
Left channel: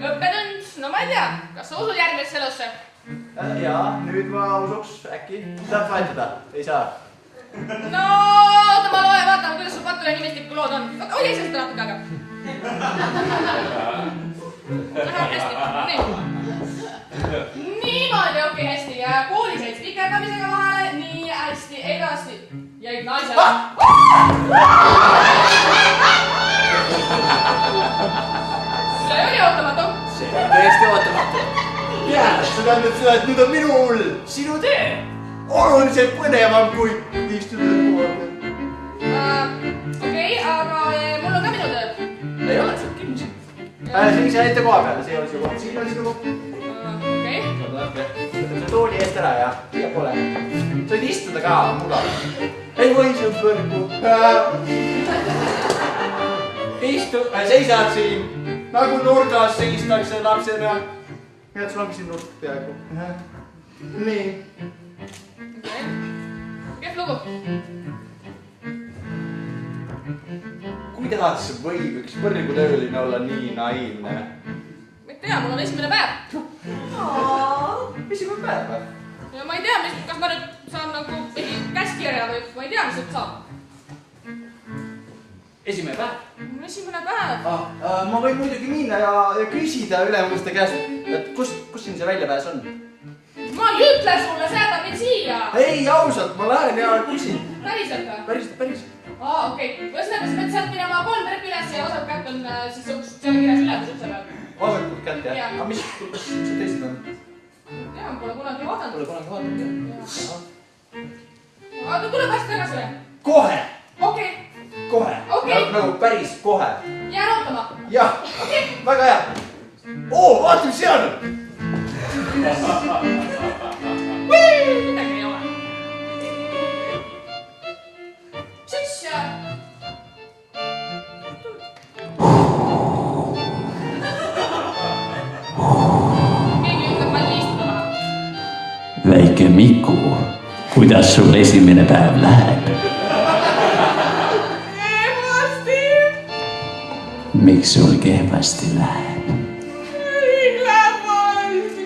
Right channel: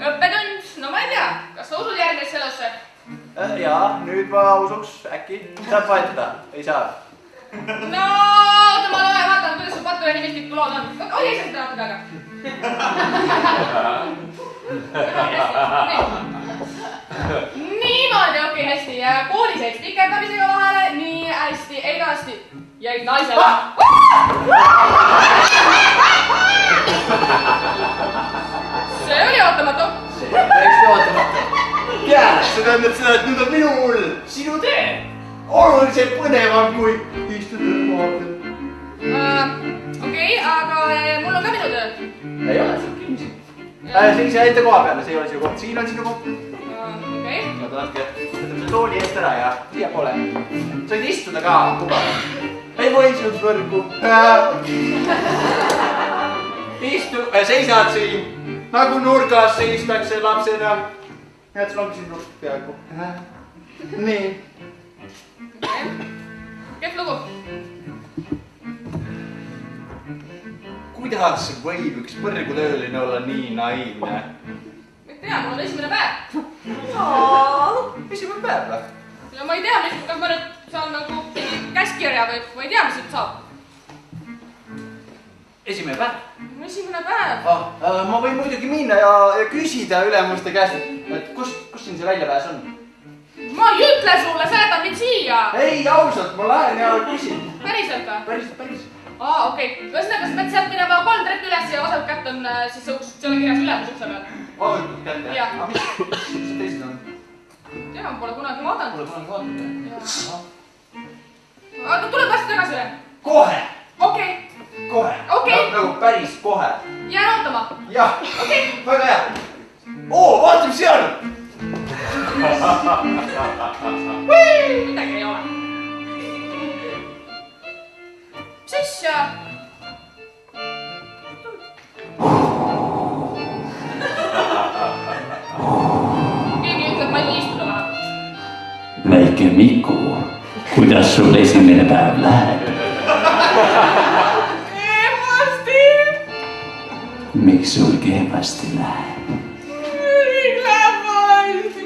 õppetund, no ma ei tea, kas sa usud järgmisse elusse? Jaa, nüüd ma usuks äkki. Saab vahetada, ei saa. No, oota, ma vaatan, kuidas sul Patule nimistiku lood on. Oli see seda natuke aega? Niimoodi, okei, hästi. Ja koolis jäid spikerdamisega vahele, nii hästi, edasti. Jäid naisele. See oli ootamatu. See oli tõesti ootamatu. Jaa, see tähendab seda, et nüüd on minul sinu tee. Oluliselt põnevam kui istuda koha peal. Okei, aga mul on ka minu töö. Ei ole, see on kinni. Siis jäite koha peale, see ei ole sinu koht. Siin on sinu koht. Okei. Ma tahangi see tooli eest ära ja siia pole. Said istuda ka, mugav. Ei võinud võrgu. Seisad siin nagu nurgas seistakse lapsena. Ja sul ongi siin nurk peaaegu. Nii. Kehv lugu. Kuidas võib üks põrgutööline olla nii naiivne? Et tea, mul on esimene päev. Esimene päev või? Ja ma ei tea, kas ma nüüd saan nagu käskirja või ma ei tea, mis nüüd saab. Esimene päev? Esimene päev. Ma võin muidugi minna ja küsida ülemuste käest, et kus siin see väljapääs on? Ma ei ütle sulle, sa jätad mind siia. Ei, ausalt, ma lähen ja küsin. Päriselt või? Päris. Okei. Ühesõnaga, sa pead sealt minema 3 treppi üles ja vasakut kätt on siis uks, see on kirjas ülemus ukse peal. Vasakut kätt, jah? Jah. Aga mis see teised on? Tea, ma pole kunagi vaadanud. Pole kunagi vaadanud, jah? Aga tuleb vast tagasi veel. Kohe! Okei. Kohe! Okei. Nagu päris kohe. Jään ootama. Jah, Okei. väga hea. Vaata, mis seal on! Midagi ei ole. Siis keegi ütleb, ma ei istuda vähemalt. Väike Miku, kuidas sul esimene päev läheb? Kehvasti. Miks sul kehvasti läheb?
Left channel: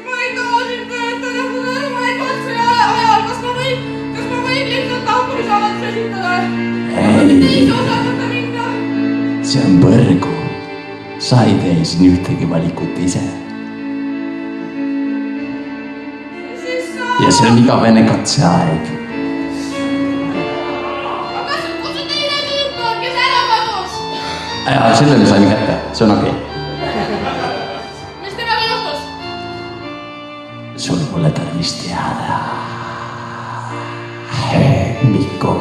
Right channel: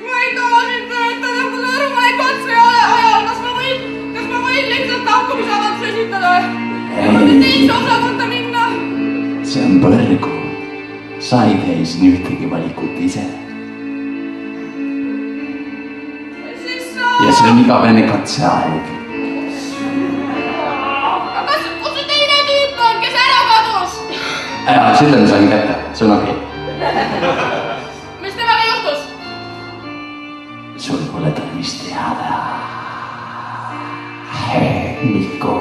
Ma ei taha siin töötada, ma saan aru, ma ei katse ajal. Kas ma võin lihtsalt lahkumisavalduse esitada? Ja ma nüüd teise osakonda minna. See on põrgu. Sa ei tee siin ühtegi valikut ise. Ja see on igavene katseaeg. Aga kus see teine tüüp on, kes ära kadus? Selle me sain kätte, see on okei. Mis temaga juhtus? Sul pole tarvis teada. Miku.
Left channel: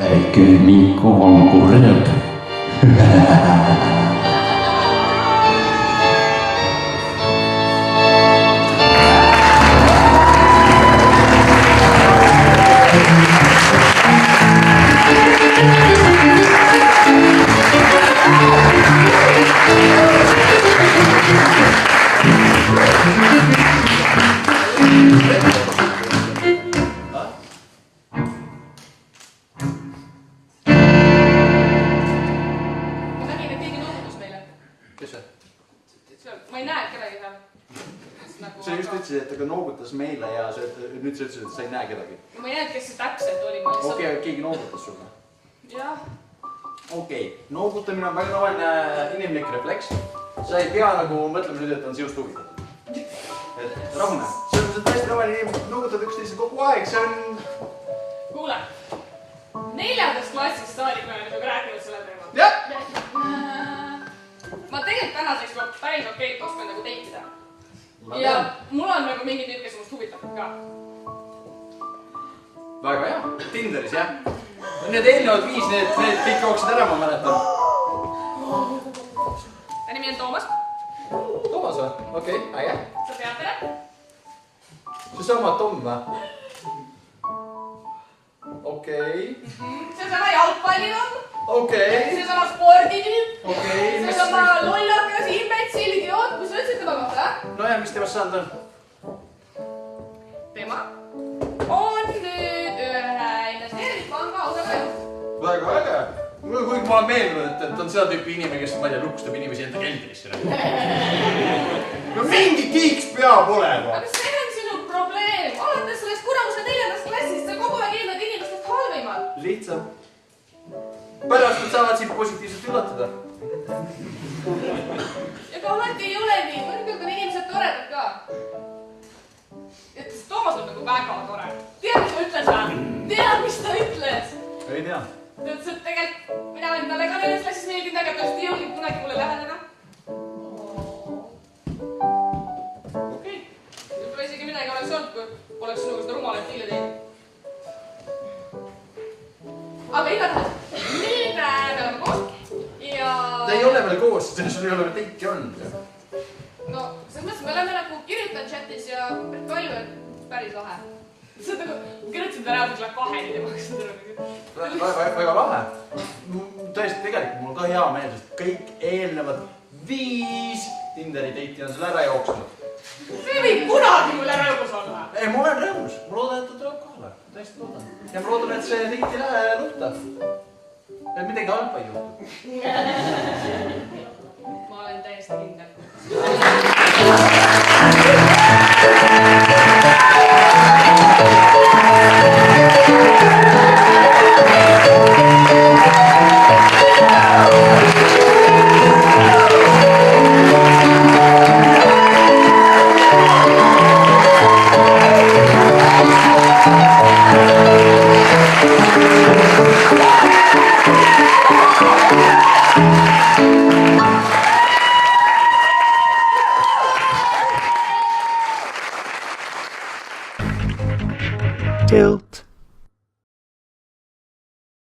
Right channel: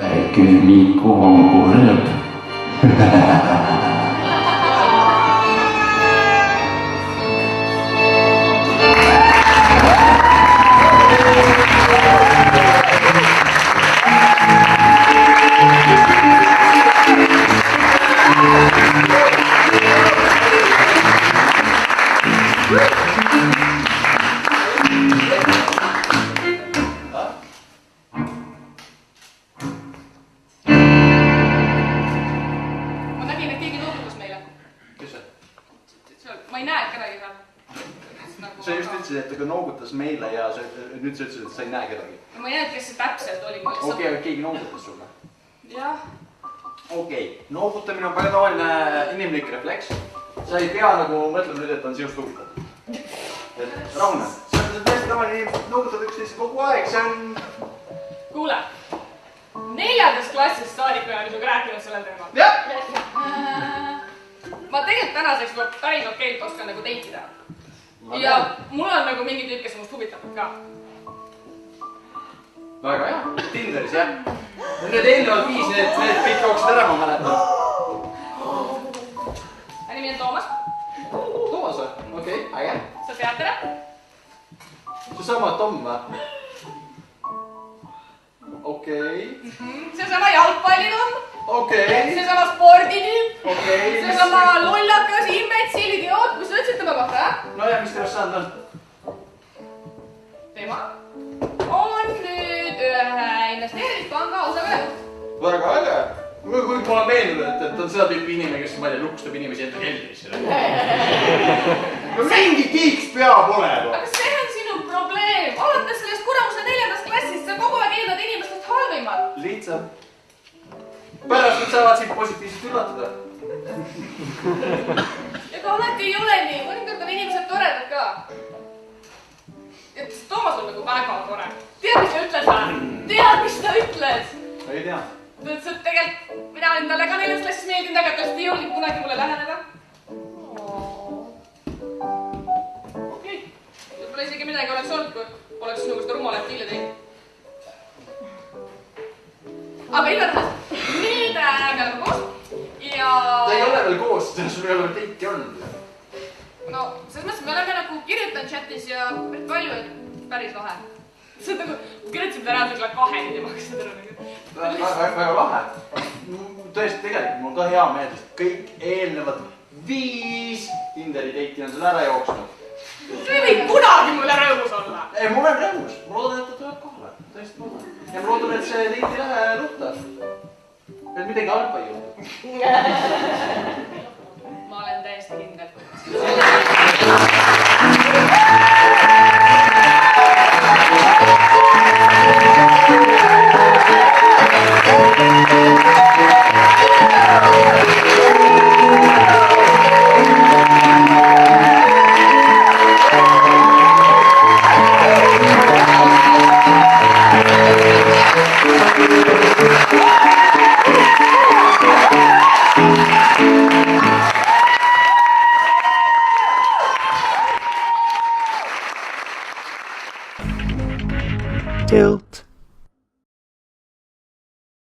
Väike Miku on kurb. Ma nägin, et keegi noogutas meile. Kes see? Ma ei näe kedagi seal. Sa just ütlesid, et ta noogutas meile ja nüüd sa ütlesid, et sa ei näe kedagi. Ma ei näe, kes see täpselt oli. Okei, keegi noogutas sulle. Jah. Okei, noogutamine on väga tavaline inimlik refleks. Sa ei pea nagu mõtlema nüüd, et on sinust huvitatud. Et rahune, see on täiesti tavaline inimesed noogutavad üksteisel kogu aeg, see on... Kuule, 4. klassist saadik olen sinuga rääkinud sellel teemal. jah. Ma tegelikult tänaseks ma päris okeilt oskan nagu teitida. Ja mul on nagu mingi tüüp, kes must huvitavad ka. väga hea. Tinderis jah. Need eelnevad 5, need kõik jooksid ära, ma mäletan. Ja nimi on Toomas. Toomas või? Okei, äge. Sa tead teda? Seesama Tom või? Okei. Seesama jalgpallitomm. Okei. Seesama sporditüüp. Okei. Seesama lollakas, imbetsil, idioot. Mis sa ütlesid tema kohta, jah? No ja, mis temast saanud on? Tema on nüüd ühe investeerimispanga osakaalu. Väga äge. Kuigi ma olen meenunud, et ta on seda tüüpi inimene, kes, ma ei tea, lukustab inimesi enda keldrisse. No mingi tiiks peab olema. Aga see on sinu probleem. Alates sellest kuramuse 4. klassist sa kogu aeg eeldad inimestest halvimal. Lihtsam. Pärast nad saavad sind positiivselt üllatada. Ega alati ei ole nii. Mõnikord on inimesed toredad ka. Et Toomas on nagu väga tore. Tead, mis ta ütles või? Tead, mis ta ütles? Ei tea. Ta ütles, et tegelikult mina olen talle ka 4. klassis meeldinud, aga ta ei jõudnud kunagi mulle läheneda. Okei. Võib-olla isegi midagi oleks olnud, kui poleks sinuga seda rumalat diili teinud. Aga igatahes, nüüd me oleme koos ja... Ta ei ole veel koos, sul ei ole veel teiki olnud. No, selles mõttes me oleme nagu kirjutanud chatis ja palju, et päris lahe. See on nagu, kirjutasin ta reaalselt kella 2-ni temaga seda nagu. Väga lahe. Tõesti, tegelikult mul on ka hea meel, sest kõik eelnevad 5 Tinderi teiti on sul ära jooksnud. See ei või kunagi mulle rõõmus olla. Ei, mul on rõõmus. Ma loodan, et ta tuleb kohale. Tõesti loodan. Ja ma loodan, et see teiti ei lähe rutta. Et midagi halba ei juhtu. Ma olen täiesti kindel.